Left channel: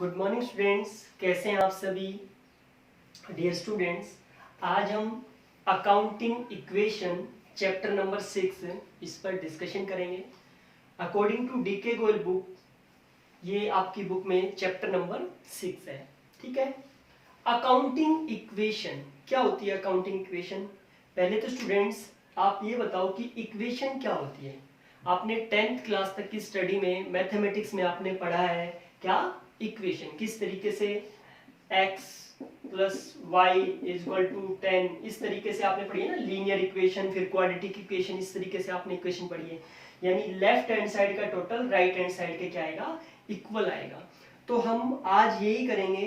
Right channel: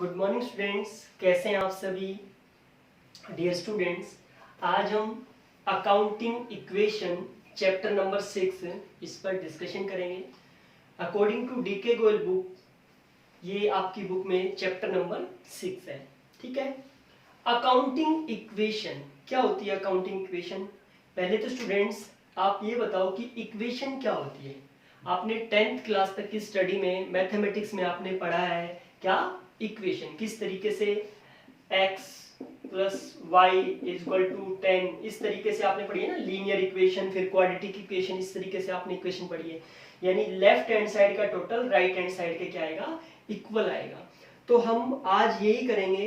Good morning students, कैसे हैं आप सभी। डियर स्टूडेंट्स, आज हम अकाउंटिंग इक्वेशन चैप्टर नंबर 6 इस पर डिस्कशन करेंगे। According to DK Goyal book, ये आपकी बुक में चैप्टर नंबर 6 है। ठीक है, अकाउंटिंग इक्वेशन क्या होती है। अकाउंटिंग इक्वेशन, पहले तो स्टूडेंट्स आप ये बताओ कि इक्वेशन क्या होती है। आपने 10th क्लास तक की स्टडी में मैथमेटिक्स में आपने पढ़ा है क्या, इक्वेशन किस तरीके से x plus y is equal to 10, इस तरीके से आपने पढ़ी है ना, लीनियर इक्वेशन, फिर क्वाड्रेटिक इक्वेशन, इस तरीके से आपने इक्वेशन पढ़ी है। यानी लेफ्ट हैंड साइड का टोटल राइट हैंड साइड के क्या आएगा, इक्वल आएगा। तो हम आज यही करेंगे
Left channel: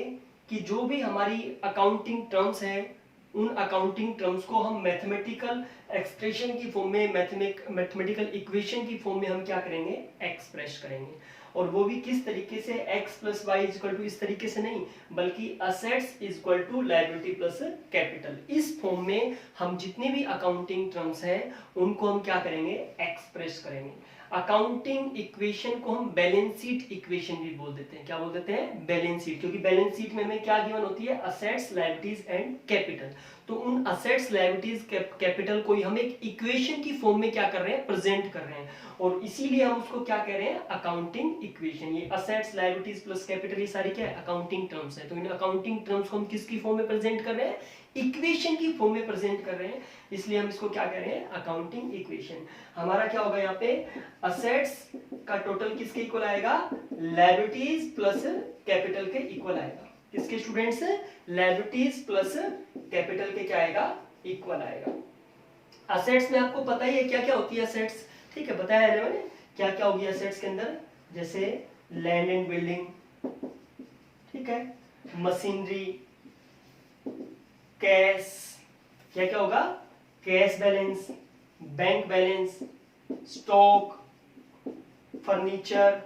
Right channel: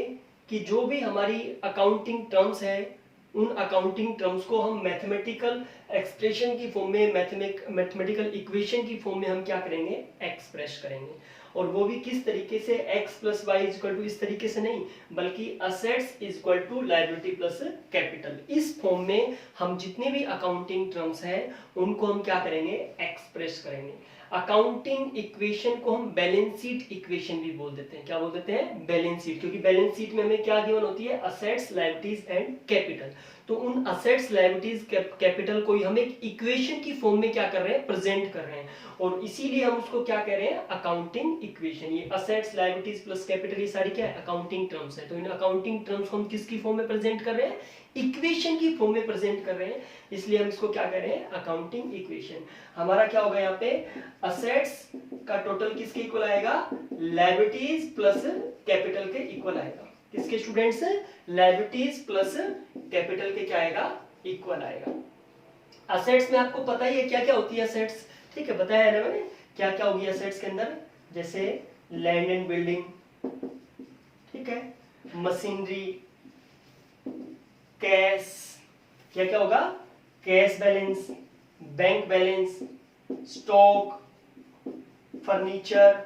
कि जो भी हमारी अकाउंटिंग टर्म्स है, उन अकाउंटिंग टर्म्स को हम मैथमेटिकल एक्सप्रेशन की फॉर्म में, मैथमेटिकल इक्वेशन की फॉर्म में हम क्या करेंगे, एक्सप्रेस करेंगे। और वो भी किस तरीके से, x plus y equal to इस तरीके से नहीं, बल्कि assets equal to liability plus capital, इस फॉर्म में हम जितने भी अकाउंटिंग टर्म्स हैं उनको हम क्या करेंगे, एक्सप्रेस करेंगे। अकाउंटिंग इक्वेशन को हम बैलेंस शीट इक्वेशन भी बोल देते हैं। क्या बोल देते हैं, बैलेंस शीट, क्योंकि बैलेंस शीट में हमें क्या गिवन होती है, असेट्स, लायबिलिटीज एंड कैपिटल। तो उन असेट्स, लायबिलिटीज, कैपिटल को हम एक इक्वेशन की फॉर्म में क्या कर रहे हैं, प्रेजेंट कर रहे हैं, और इसीलिए हम उसको क्या कह रहे हैं, अकाउंटिंग इक्वेशन। ये असेट्स, लायबिलिटीज प्लस कैपिटल, ये सारी क्या है, अकाउंटिंग टर्म्स है। तो इन अकाउंटिंग टर्म्स को हम किसकी फॉर्म में प्रेजेंट कर रहे हैं, इक्वेशन की फॉर्म में प्रेजेंट कर रहे हैं, इसलिए हम इसको क्या कह रहे हैं, अकाउंटिंग इक्वेशन। हमारा क्या होगा यहाँ पे, असेट्स का टोटल किसके इक्वल आएगा, लायबिलिटीज प्लस कैपिटल के इक्वल आएगा। किसके स्टूडेंट्स, लायबिलिटीज प्लस कैपिटल के क्या आएगा, इक्वल आएगा। असेट्स में आपको पता ही है क्या क्या होती है असेट्स, ठीक है, बताया है मैंने क्या क्या होगी असेट्स के अंदर, जैसे लैंड एंड बिल्डिंग, ठीक है, मशीनरी, कैश, क्या क्या होगा, cash balance, bank balance, stock, furniture.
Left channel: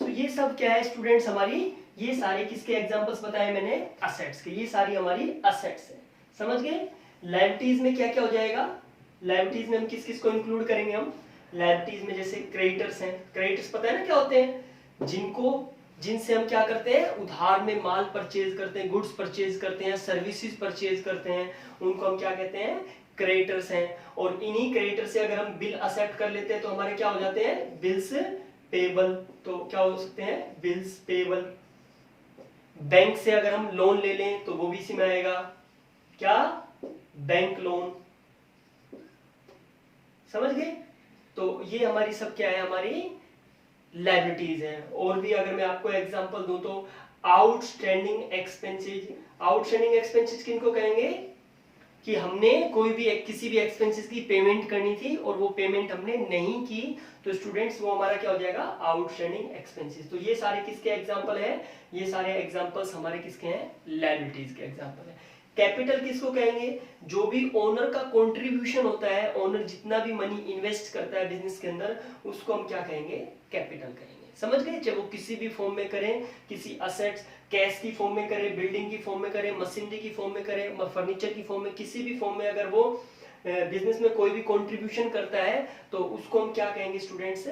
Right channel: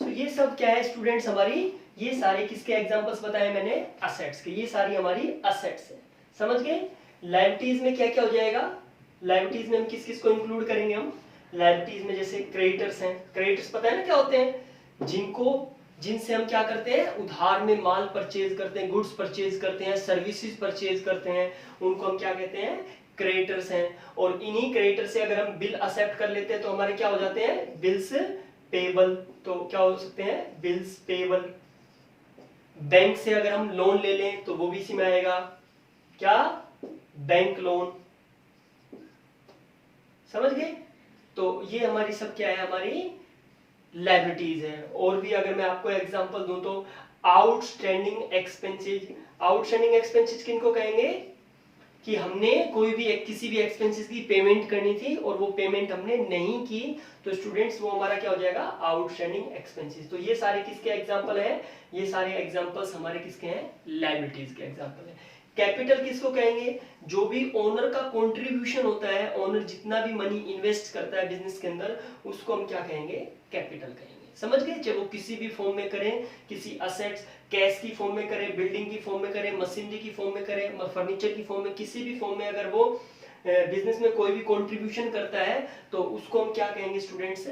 तो ये सब क्या है स्टूडेंट्स, हमारी ये सारे किसके एग्जांपल्स बताए मैंने, असेट्स के, ये सारी हमारी असेट्स है। समझ गए। लायबिलिटीज में क्या क्या हो जाएगा, लायबिलिटीज में हम किस किस को इंक्लूड करेंगे, हम लायबिलिटीज में जैसे क्रेडिटर्स हैं। क्रेडिटर्स पता है ना क्या होते हैं, जिनसे हम क्या करते हैं, उधार में माल परचेज करते हैं, गुड्स परचेज करते हैं, सर्विसेज परचेज करते हैं, उनको हम क्या कहते हैं, क्रेडिटर्स हैं। और इन्हीं क्रेडिटर से अगर हम बिल एक्सेप्ट कर लेते हैं तो हमारे क्या हो जाते हैं, बिल्स पेबल। तो क्या हो सकते हैं, बिल्स पेबल। बैंक से अगर हम लोन ले लें तो वो भी इसी में आएगा, क्या, बैंक लोन। समझ गए। तो ये हमारी सब क्या है, हमारी लायबिलिटीज है। और भी अगर मैं आपको एग्जांपल दूं तो आउटस्टैंडिंग एक्सपेंसेस। आउटस्टैंडिंग एक्सपेंसेस किनको कहेंगे, कि हमने कोई भी किसी भी एक्सपेंसेस की पेमेंट करनी थी और वो पेमेंट हमने नहीं की, तो स्टूडेंट्स वो हमारा क्या हो जाएगा, आउटस्टैंडिंग एक्सपेंसेस। तो ये सारे किसके एग्जांपल है, ये सारे एग्जांपल्स हमारे किसके हैं, लायबिलिटीज के एग्जांपल है। कैपिटल किसको कहेंगे, जो भी ओनर का कंट्रीब्यूशन होता है, ओनर जितना भी मनी इन्वेस्ट करता है बिजनेस के अंदर, उसको हम क्या कहेंगे, कैपिटल कहेंगे। समझ गए। चाहे वो किसी भी फॉर्म में करें, किसी असेट्स, कैश की फॉर्म में करें, बिल्डिंग की फॉर्म में करें, मशीनरी की फॉर्म में करें, फर्नीचर की फॉर्म में, किसी भी फॉर्म में अगर वो बिजनेस में कोई भी कंट्रीब्यूशन करता है तो उसको हम क्या कहेंगे स्टूडेंट्स,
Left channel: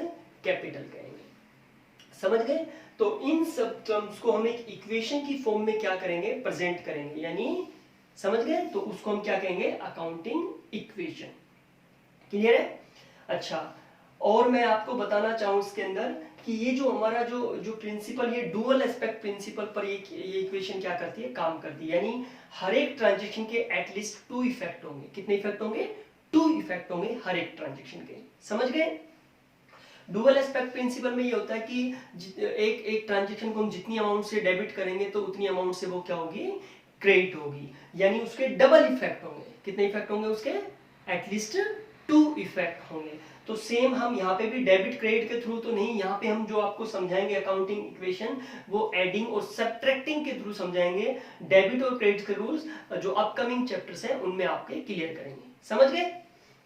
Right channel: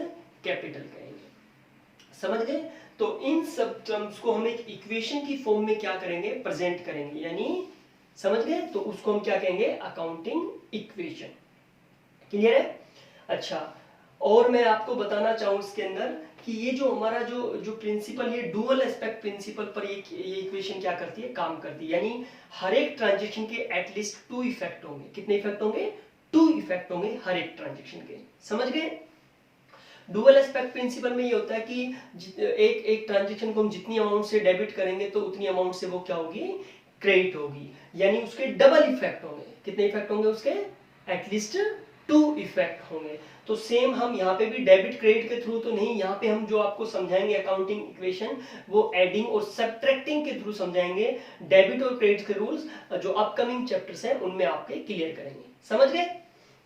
कैपिटल कहेंगे। समझ गए। तो इन सब टर्म्स को हम एक इक्वेशन की फॉर्म में क्या करेंगे, प्रेजेंट करेंगे, यानी समझ गए। तो उसको हम क्या कहेंगे, अकाउंटिंग इक्वेशन। क्लियर है। अच्छा, और मैं आपको बताना चाहूं इसके अंदर कि ये जो हमारा जो प्रिंसिपल, ये डुअल एस्पेक्ट प्रिंसिपल पर ये इक्वेशन क्या करती है, काम करती है। यानी हर एक ट्रांजैक्शन के एटलीस्ट 2 इफेक्ट होंगे। कितने इफेक्ट होंगे, 2 इफेक्ट होंगे हर एक ट्रांजैक्शन के। समझ गए। डुअल एस्पेक्ट प्रिंसिपल में ये होता है कि एक ट्रांजैक्शन को हम जितनी अमाउंट से डेबिट करेंगे तो उतनी अमाउंट से वो क्या होगी, क्रेडिट होगी। यानी उसके डबल इफेक्ट होंगे। कितने इफेक्ट होंगे उसके, एटलीस्ट 2 इफेक्ट होंगे। तो सेम हम यहाँ पे भी डेबिट क्रेडिट के थ्रू तो नहीं, यहाँ पे हम जो आपको समझाएंगे अकाउंटिंग इक्वेशन, वो एडिंग और सब्ट्रैक्टिंग के थ्रू समझाएंगे। डेबिट और क्रेडिट के रूल्स जो अपकमिंग चैप्टर्स हैं उनमें आपके क्लियर करेंगे। समझ गए।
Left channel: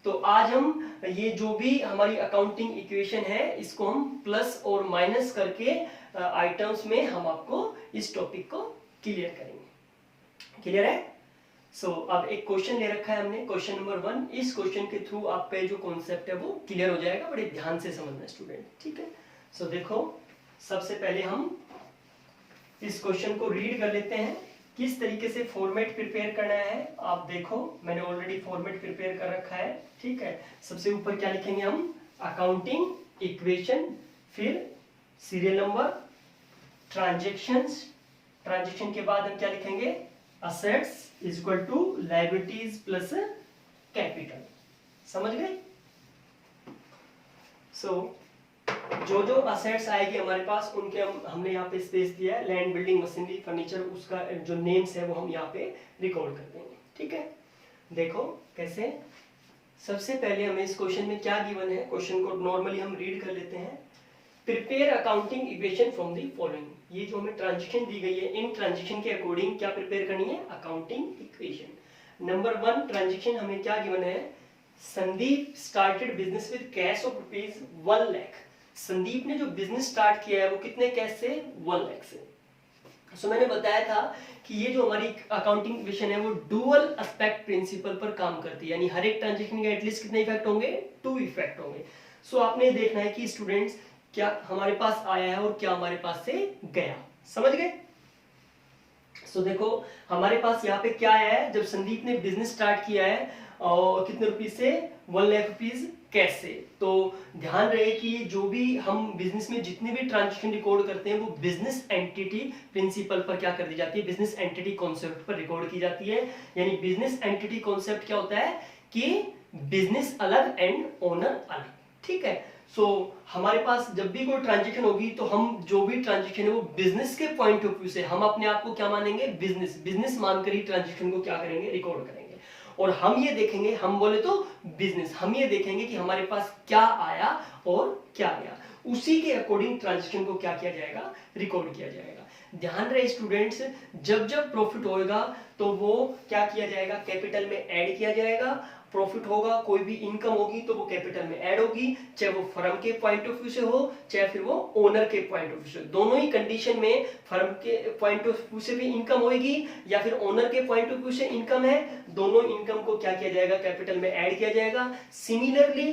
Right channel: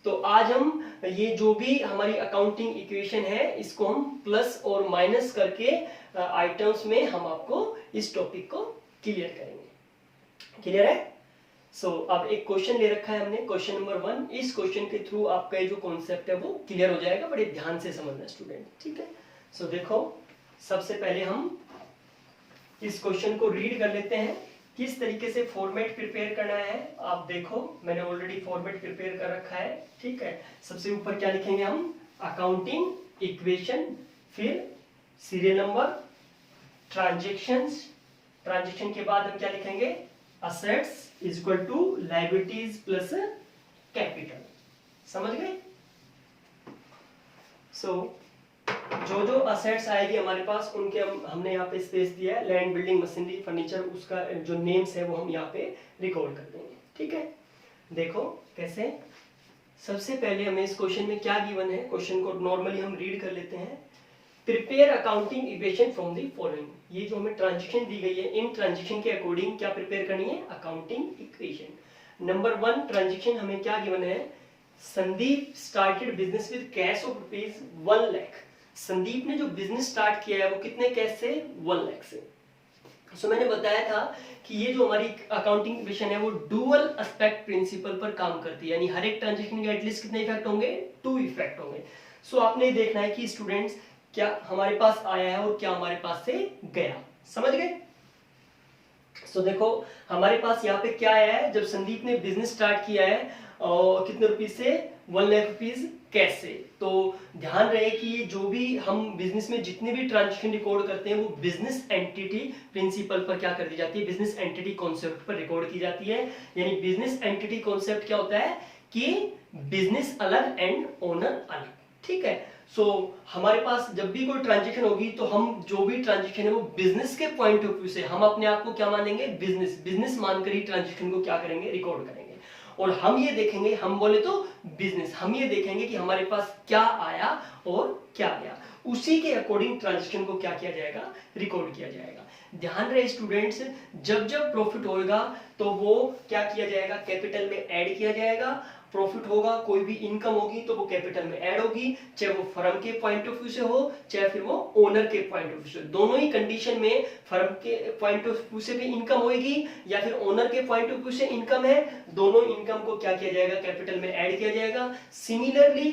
तो आज हम ये जो भी हमारी अकाउंटिंग इक्वेशन है, इसको हम प्लस और माइनस करके आइटम्स में हम आपको इस टॉपिक को क्लियर करेंगे। क्लियर है। अब एक क्वेश्चन ले रखा है हमने, क्वेश्चन नंबर 1। इस क्वेश्चन के थ्रू आपका जो कॉन्सेप्ट है वो क्लियर हो जाएगा। बड़े ध्यान से समझना स्टूडेंट, ठीक है। देखो सबसे पहले हम इस क्वेश्चन को रीड कर लेते हैं। किस तरीके से फॉर्मेट प्रिपेयर करना है आप देखो, मैंने ऑलरेडी फॉर्मेट प्रिपेयर कर रखा है, ठीक है। सबसे ऊपर क्या लिखेंगे हम, अकाउंटिंग इक्वेशन, फिर सीरियल नंबर, ट्रांजैक्शंस, ट्रांजैक्शन के बाद हम क्या लिखेंगे, assets is equal to liabilities plus capital. समझ गए? सो जो जो असेट्स आएगी हमारे पास उनके हमने यहाँ पे स्पेस दिया है, लैंड, बिल्डिंग, मशीनरी, फर्नीचर, उसका जो नेम्स है वो हम यहाँ पे रिकॉर्ड कर देंगे, ठीक है। देखो कैसे, सबसे पहले हमें इस क्वेश्चन में क्या गिवन है, क्वेश्चन को नॉर्मली हम रीड कर लेते हैं। Prepare accounting equation from the following, ये जो हमें ट्रांजैक्शन दी गई है, इन ट्रांजैक्शन के अकॉर्डिंग क्या प्रिपेयर करनी है, अकाउंटिंग इक्वेशन। नंबर 1 ट्रांजैक्शन हमें क्या गिवन है, Sandeep started business with cash of ₹1 lakh. Sandeep ने जो बिजनेस स्टार्ट किया है वो कितने कैश से, 1 लाख से। सो मैंने बताया था कि ये जो हमारी अकाउंटिंग इक्वेशन है वो डुअल एस्पेक्ट प्रिंसिपल पर काम करती है, यानी हर एक ट्रांजैक्शन के एटलीस्ट कितने इफेक्ट होंगे, 2 इफेक्ट होंगे। सो आपने देखना है कि स्टूडेंट्स क्या हमारे पास आया है और क्या हमारे पास से गया, समझ गए? सो देखो हमारे पास यहाँ पे क्या आया है, जब संदीप ने बिजनेस स्टार्ट किया है और कितने रुपीज से, 1 लाख रुपीज कैश से। तो ध्यान रहे कि ये जो भी हम बिजनेस में जितने भी ट्रांजैक्शन रिकॉर्ड करते हैं वो बिजनेस एंटिटी प्रिंसिपल पर क्या कर दी जाती है, बिजनेस एंटिटी कॉन्सेप्ट पर रिकॉर्ड की जाती है। यानी बिजनेस एंटिटी कॉन्सेप्ट क्या होता है कि बिजनेस अलग एंड ओनर अलग, ठीक है। सो हमारे पास जब भी कोई ट्रांजैक्शन होगी तो हम जो भी ट्रांजैक्शन है वो बिजनेस के पॉइंट ऑफ व्यू से हम अपने आप को क्या मानेंगे, बिजनेस मानकर ही ट्रांजैक्शन को क्या करेंगे, रिकॉर्ड करेंगे। और हम ये देखेंगे, हम बोले तो बिजनेस, हम ये देखेंगे कि हमारे पास क्या आया और क्या गया, उसी के अकॉर्डिंग ट्रांजैक्शन को क्या किया जाएगा, रिकॉर्ड किया जाएगा। ध्यान रहे स्टूडेंट्स, जब जब प्रॉफिट होएगा तो वो क्या किया जाएगा, कैपिटल में ऐड किया जाएगा। प्रॉफिट होगा, कोई भी इनकम होगी तो वो कैपिटल में ऐड होगी, चाहे वो फर्म के पॉइंट ऑफ व्यू से हो चाहे फिर वो ओनर के पॉइंट ऑफ व्यू से। दोनों ही कंडीशन में फर्म के पॉइंट ऑफ व्यू से भी इनकम होगी या फिर ओनर के पॉइंट ऑफ व्यू से इनकम है, दोनों इनकम को क्या किया जाएगा, कैपिटल में ऐड किया जाएगा। सिमिलरली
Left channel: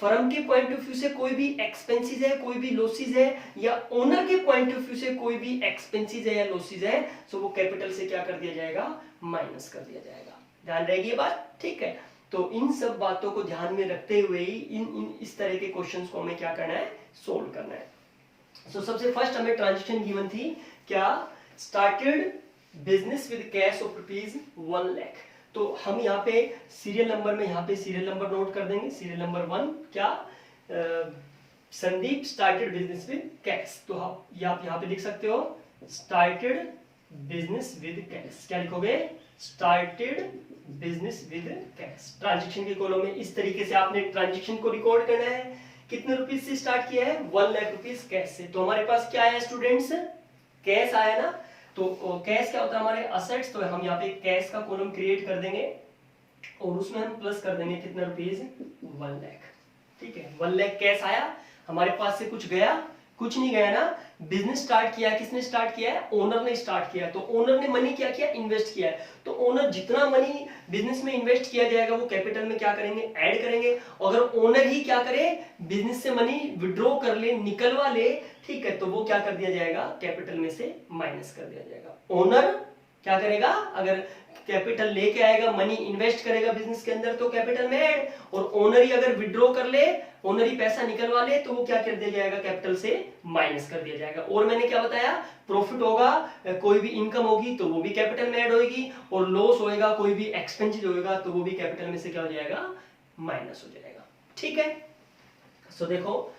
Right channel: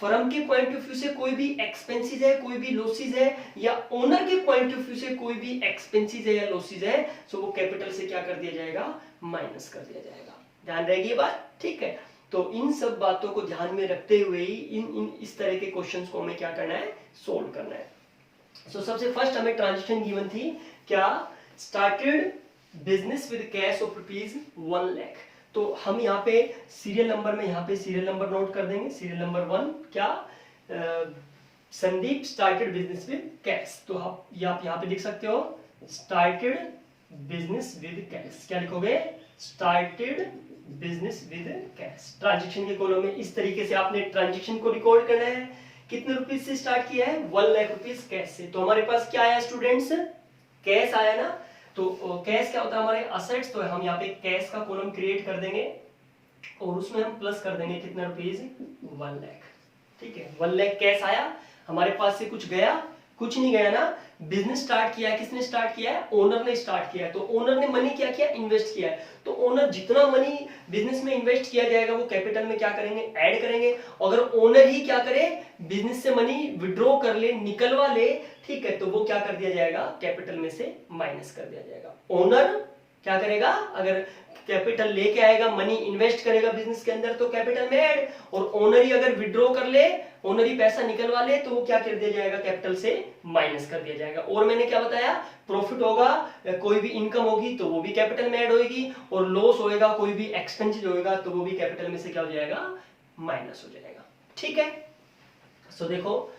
फर्म के पॉइंट ऑफ व्यू से कोई भी एक्सपेंसेस है, कोई भी लॉसेस है, या ओनर के पॉइंट ऑफ व्यू से कोई भी एक्सपेंसेस है या लॉसेस है, तो वो कैपिटल से क्या कर दिया जाएगा, माइनस कर दिया जाएगा। ध्यान रहेगी ये बात, ठीक है। तो इन सब बातों को ध्यान में रखते हुए ही इस तरह के क्वेश्चंस को हमें क्या करना है, सोल्व करना है। सो सबसे फर्स्ट हमें ट्रांजैक्शन गिवन थी क्या, started business with cash of ₹1 lakh. तो हम यहाँ पे सीरियल नंबर में यहाँ पे सीरियल नंबर नोट कर देंगे। सीरियल नंबर 1 क्या, Sandeep started business with cash. तो आप यहाँ पे लिख सकते हो स्टार्टेड बिजनेस विद कैश। क्या लिखोगे, started business with cash. Transaction के कॉलम में इस तरीके से आपने ट्रांजैक्शन को रिकॉर्ड करना है। कितने रुपीस से स्टार्ट किया है, 1 लाख रुपीस कैश से। तो हमारे पास क्या आया स्टूडेंट्स, कैश आया ना। तो कैश क्या होता है, हमारे असेट्स। तो हम यहाँ पे कैश का कॉलम क्रिएट कर देंगे और उसमें हम प्लस कर देंगे कितना रुपीस, 1 लाख, ठीक है। 1 लाख कैश आया, हमारे पास से कुछ गया, कुछ नहीं गया ना। बिजनेस स्टार्ट किया, किसने स्टार्ट किया है, ओनर ने स्टार्ट किया है। तो ओनर ने मनी क्या किया, इन्वेस्ट किया है। तो ओनर जितना मनी बिजनेस में इन्वेस्ट किया जाएगा वो कैपिटल में क्या करेंगे, ऐड करेंगे। अगर ओनर ही क्या करे, बिजनेस से मनी विड्रॉ कर ले, निकलवा ले, ठीक है, तो वो क्या कर दिया जाएगा, कैपिटल में से माइनस कर दिया जाएगा। ओनर क्या करेगा, अगर कैपिटल लेके आएगा, मनी इन्वेस्ट करेगा बिजनेस के अंदर, तो कैपिटल में ऐड। और ओनर ही अगर विड्रॉ कर ले, ओनर ही पैसा निकलवा ले, तो वो क्या कर दिया जाएगा, कैपिटल से माइनस कर दिया जाएगा। और मैंने क्या बताया, प्रॉफिट होगा, कोई भी इनकम होगी तो वो भी कैपिटल में ऐड होगी, और लॉस होएगा, कोई भी एक्सपेंसेस होएगा तो वो भी कैपिटल में से क्या हो जाएगा, माइनस हो जाएगा, ठीक है। सो देखो,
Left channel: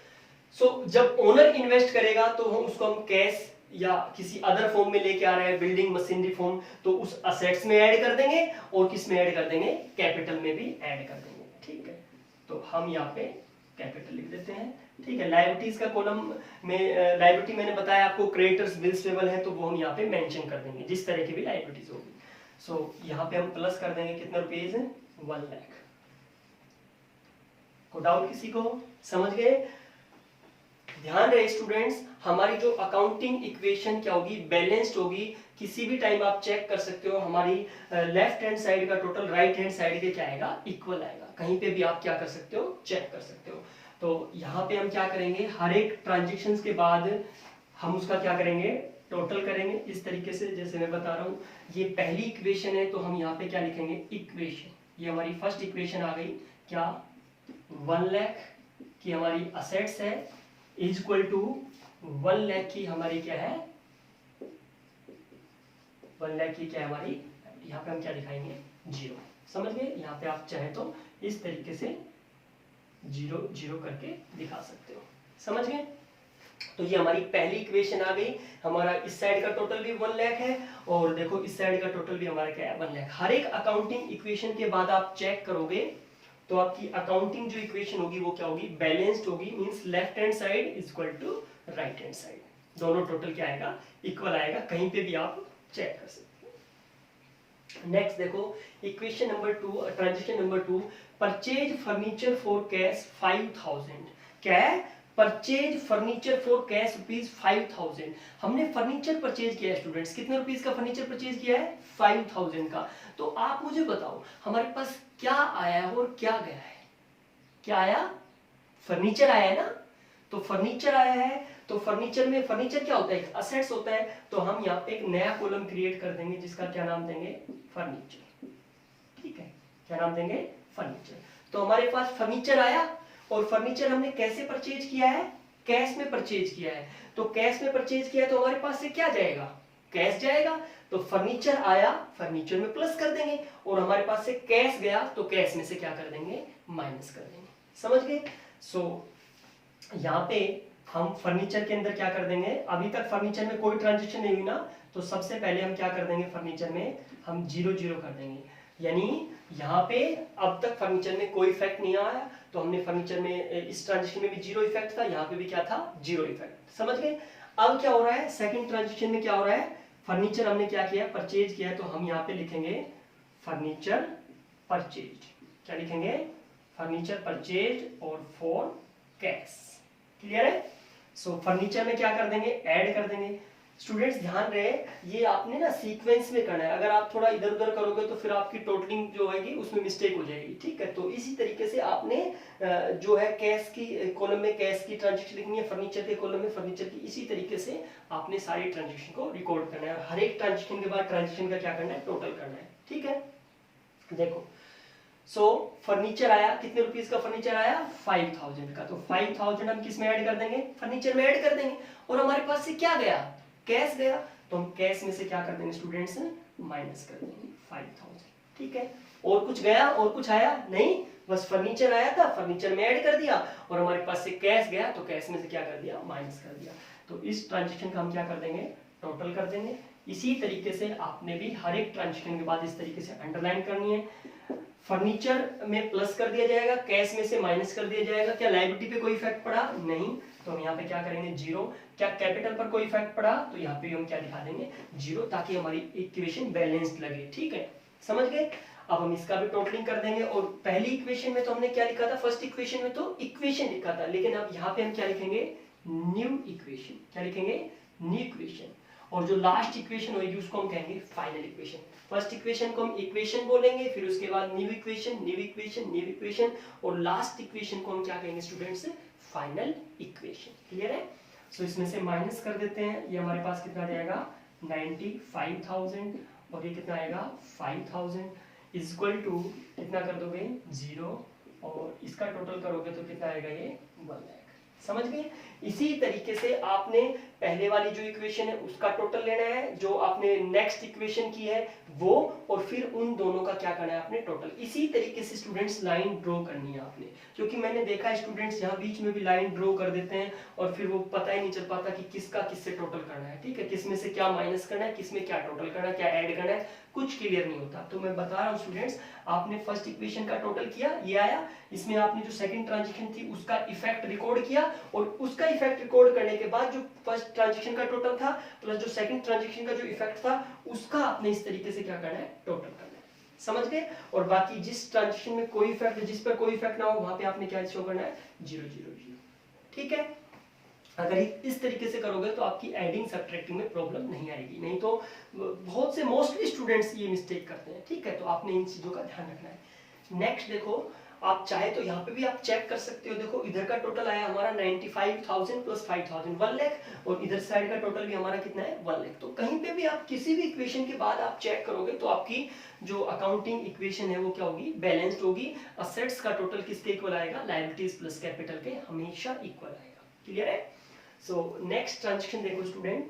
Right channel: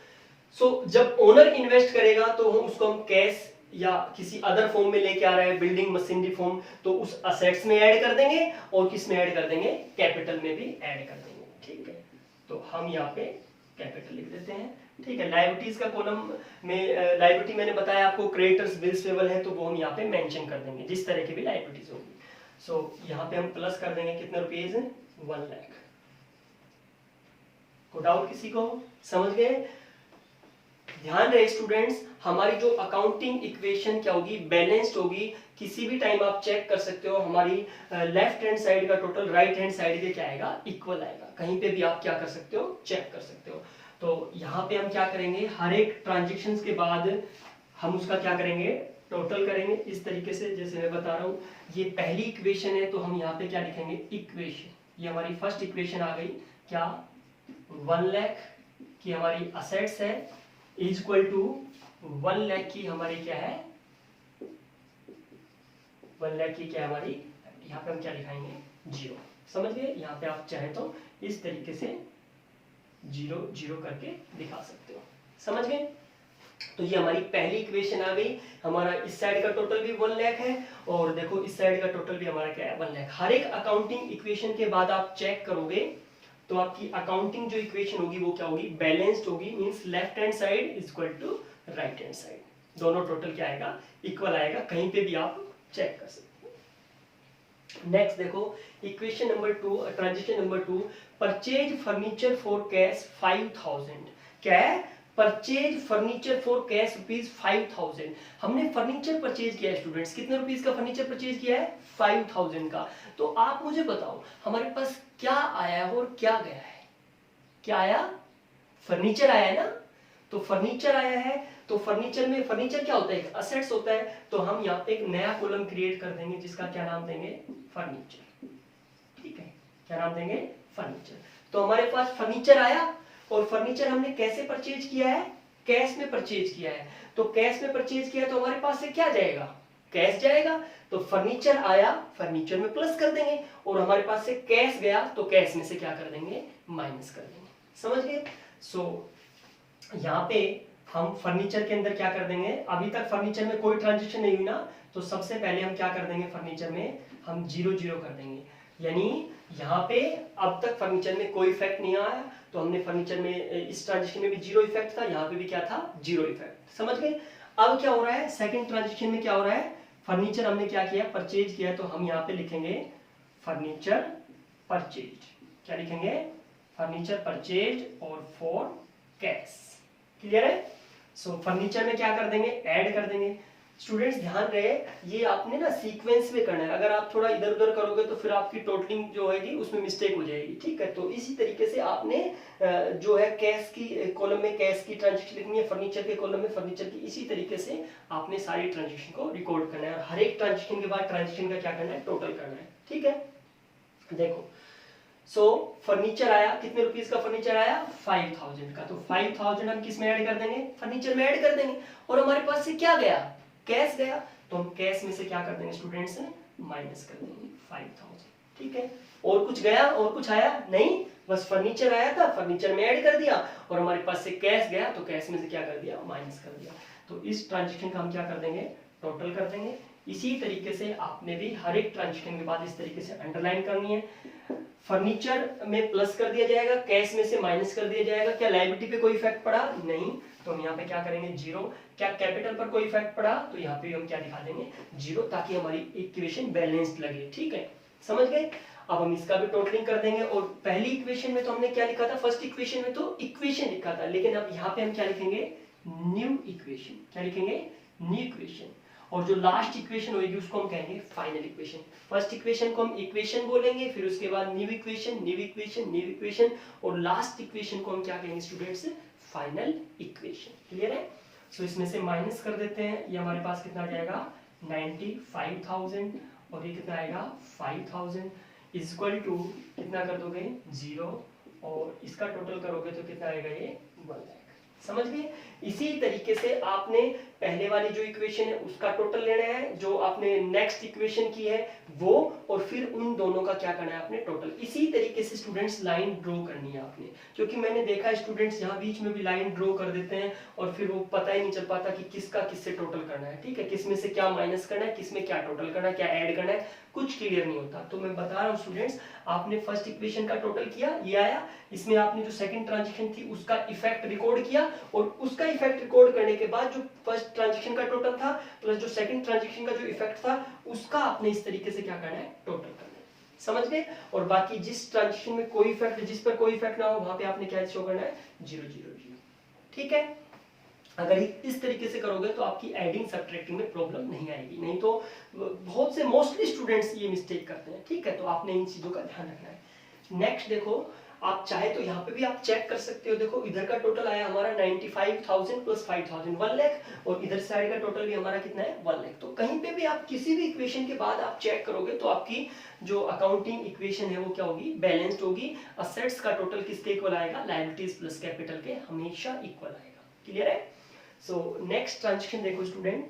जब ओनर इन्वेस्ट करेगा तो उसको हम कैश या किसी अदर फॉर्म में लेके आ रहा है, बिल्डिंग मशीनरी फॉर्म, तो उस असेट्स में ऐड कर देंगे और किस में ऐड कर देंगे, कैपिटल में भी ऐड कर देंगे, ठीक है। तो हम यहाँ पे कैपिटल लिख देते हैं, ठीक है। लायबिलिटीज का कॉलम में लायबिलिटी मैंने बताया आपको, क्रेडिटर्स, बिल्स पेबल है, तो वो हम यहाँ पे मेंशन कर देंगे जिस तरह की भी लायबिलिटीज होगी। सो यहाँ पे हम प्लस कर देंगे कितना रुपीज, 1 लाख। को डाउट किसी को, समझ गए। ध्यान रहे स्टूडेंट्स, हमारी जो अकाउंटिंग इक्वेशन क्या होगी, बैलेंस्ड होगी। किसी भी टाइम आप चेक कर सकते हो, हमारी लेफ्ट हैंड साइड का टोटल राइट हैंड साइड के क्या आएगा, इक्वल आएगा। कहीं पे भी आप क्या कर सकते हो, चेक कर सकते हो। तो यहाँ पे हम क्या करेंगे, हर एक ट्रांजेक्शन के बाद हम उसका क्या करेंगे, टोटल करेंगे इस तरीके से जैसे मैं बता रहा हूँ। ये पहली इक्वेशन है तो हम यहाँ पे क्या लिखेंगे, इक्वेशन, ये हमारी फर्स्ट इक्वेशन आ गई क्या, 1 लाख की हमारी असेट्स है इज इक्वल टू 1 लाख की हमारी क्या है, 1 लाख की क्या है हमारी, यहाँ पे हम क्या दिखाएंगे, 0। समझ गए, यहाँ पे आप चाहें तो इस तरीके से 0 0 करके दिखा सकते हो। समझ गए, तो ये हमारी पहली इक्वेशन आ गई। हमारा इस साइड का टोटल भी 1 लाख है और देखो इस साइड का टोटल भी हमारा क्या है, 1 लाख। हर एक अकाउंटिंग इक्वेशन के बाद आप चेक करोगे तो आपकी अकाउंटिंग जो इक्वेशन होगी वो क्या होगी, बैलेंस्ड होगी, means left hand side is equal to right hand side, दोनों टोटल क्या आएगा, इक्वल आएगा। कहीं पे भी आप चेक कर सकते हो। नेक्स्ट देखो equation number 2, transaction number 2, purchase furniture for cash 5000। क्या है, purchase furniture for cash rupees 5000। हमने फर्नीचर परचेज किया है स्टूडेंट्स, कितने रुपीज का फर्नीचर परचेज किया है, 5000 का। तो आप मुझे बताओ हमारे पास क्या आया है और क्या गया है, क्या आया, फर्नीचर आया है ना। तो फर्नीचर आया है तो फर्नीचर में, फर्नीचर क्या होता है, एक असेट्स होता है। तो हम यहाँ पे एक नया कॉलम क्रिएट कर देंगे जिसका क्या नाम देंगे, फर्नीचर। ठीक है, क्या नाम देंगे, फर्नीचर। तो हमारे पास फर्नीचर आया और फर्नीचर हमने कैसे परचेज किया है, कैश में परचेज किया है। तो कैश में परचेज किया तो हमारे पास से क्या जाएगा, कैश जाएगा। तो फर्नीचर आया, फर्नीचर में प्लस कर देंगे और हमारे पास से कैश गया तो कैश में से क्या कर देंगे, माइनस कर देंगे। समझ गए। सो यहाँ पे हम फर्नीचर के अंदर क्या कर देंगे, अभी तक फर्नीचर में कोई ट्रांजेक्शन नहीं हुई ना, तो सबसे पहले हम क्या कर देंगे, फर्नीचर में हम 0 0 कर देंगे। यानी यहाँ पे अब तक फर्नीचर में कोई इफेक्ट नहीं आया, तो हमने फर्नीचर में इस ट्रांजेक्शन में भी 0 इफेक्ट था, यहाँ पे भी क्या था, 0 इफेक्ट। समझ गए। अब क्या हो रहा है, सेकंड ट्रांजेक्शन में क्या हो रहा है, फर्नीचर हमने क्या किया, परचेज किया। तो हम यहाँ पे लिखेंगे फर्नीचर परचेज, क्या लिखेंगे, फर्नीचर परचेज और फॉर कैश। क्लियर है। सो फर्नीचर में क्या कर देंगे, ऐड कर देंगे। स्टूडेंट्स ध्यान रहे, ये आपने ना सीक्वेंस में करना है, अगर आप थोड़ा इधर उधर करोगे तो फिर आपकी टोटलिंग जो होगी उसमें मिस्टेक हो जाएगी। ठीक है, तो इसी तरीके से आपने जो है कैश की कॉलम में कैश की ट्रांजेक्शन लिखनी है, फर्नीचर के कॉलम में फर्नीचर की, इसी तरीके से आपने सारी ट्रांजेक्शन को रिकॉर्ड करना है और हर एक ट्रांजेक्शन के बाद ट्रांजेक्शन का क्या करना है, टोटल करना है। ठीक है, देखो सो फर्नीचर आया, कितने रुपीस का फर्नीचर आया, 5000 का। तो 5000 हम किस में ऐड कर देंगे, फर्नीचर में ऐड कर देंगे। और हमारे पास से क्या गया, कैश गया, तो हम कैश में से क्या कर देंगे स्टूडेंट्स, माइनस कर देंगे 5000। ठीक है, और कुछ गया और कुछ आया नहीं, बस फर्नीचर आया था, फर्नीचर में ऐड कर दिया और हमारे पास से कैश गया तो कैश में से क्या कर दिया, माइनस कर दिया। तो इस ट्रांजेक्शन का हम क्या कर देंगे, टोटल कर देंगे। इसी तरीके से आपने भी हर एक ट्रांजेक्शन के बाद इस तरीके से अंडरलाइन करनी है। फर्नीचर में प्लस कर दिया जाएगा, कैश में से माइनस कर दिया जाएगा। क्या लायबिलिटी पे कोई इफेक्ट पड़ा, नहीं, तो हम यहाँ पे क्या करेंगे, 0। क्या कैपिटल पर कोई इफेक्ट पड़ा, तो यहाँ पे हम क्या दिखा देंगे, 0, ताकि हमारी इक्वेशन बैलेंस्ड लगे। ठीक है, समझ गए। अब हम इसका भी टोटलिंग कर देंगे। और पहली इक्वेशन में तो हमने क्या लिखा था, फर्स्ट इक्वेशन में तो इक्वेशन लिखा था, लेकिन अब यहाँ पे हम क्या लिखेंगे, न्यू इक्वेशन। क्या लिखेंगे, न्यू इक्वेशन। और जो लास्ट इक्वेशन होगी उसको हम कहेंगे फाइनल इक्वेशन। फर्स्ट इक्वेशन को हम इक्वेशन बोलेंगे, फिर उसके बाद new equation, new equation, new equation, और लास्ट इक्वेशन को हम क्या कहेंगे स्टूडेंट्स, फाइनल इक्वेशन। क्लियर है। सो इसमें से माइनस कर देते हैं, ये हमारे पास कितना जाएगा, 95000, और ये कितना आएगा, 5000 इज इक्वल टू कितना कर दोगे, 0, और इसका टोटल करोगे तो कितना आएगा, ये 1 लाख। समझ गए। इसी तरीके से आपने पहले वाली जो इक्वेशन है उसका टोटल लेना है, जो आपने नेक्स्ट इक्वेशन की है वो, और फिर उन दोनों का क्या करना है आपने, टोटल। इसी तरीके से स्टूडेंट्स लाइन ड्रॉ करनी है आपने, क्योंकि मैंने देखा है स्टूडेंट्स यहाँ बीच में भी लाइन ड्रॉ कर देते हैं और फिर वो पता ही नहीं चल पाता कि किसका किससे टोटल करना है। ठीक है, किसमें से क्या माइनस करना है, किसमें क्या टोटल करना है, क्या ऐड करना है, कुछ क्लियर नहीं होता। तो मैं बता रहा हूँ स्टूडेंट्स, आपने फर्स्ट इक्वेशन का टोटल किया, ये आया, इसमें आपने जो सेकंड ट्रांजेक्शन थी उसका इफेक्ट रिकॉर्ड किया, और उसका इफेक्ट रिकॉर्ड करने के बाद जो फर्स्ट ट्रांजेक्शन का टोटल था प्लस जो सेकंड ट्रांजेक्शन का जो इफेक्ट था उसका आपने इस तरीके से क्या करना है, टोटल करना है। समझ गए। और बाकी जिस ट्रांजेक्शन में कोई इफेक्ट, जिस पर कोई इफेक्ट ना हो, वहां पे आपने क्या शो करना है, 0 0 0। ठीक है, अगर इस तरीके से करोगे तो आपकी एडिंग सब्ट्रैक्टिंग में प्रॉब्लम नहीं आएगी, नहीं तो बहुत से मोस्टली स्टूडेंट्स ये मिस्टेक करते हैं। ठीक है, तो आपने इन चीजों का ध्यान रखना है। नेक्स्ट देखो, आप चाहे तो यहाँ पे भी आप चेक कर सकते हो। देखो इधर का टोटल आया हमारा 95,000 प्लस 5,000 1 लाख, और इधर साइड का टोटल भी हमारा कितना है 1 लाख। तो कहीं पे भी आप किसी भी इक्वेशन के बाद आप चेक करोगे तो आपकी जो अकाउंटिंग इक्वेशन है वो क्या होगी, बैलेंस्ड होगी। असेट्स का टोटल किसके इक्वल आएगा, लायबिलिटीज प्लस कैपिटल के हमेशा इक्वल आएगा। क्लियर है। सो नेक्स्ट ट्रांजेक्शन देखो स्टूडेंट,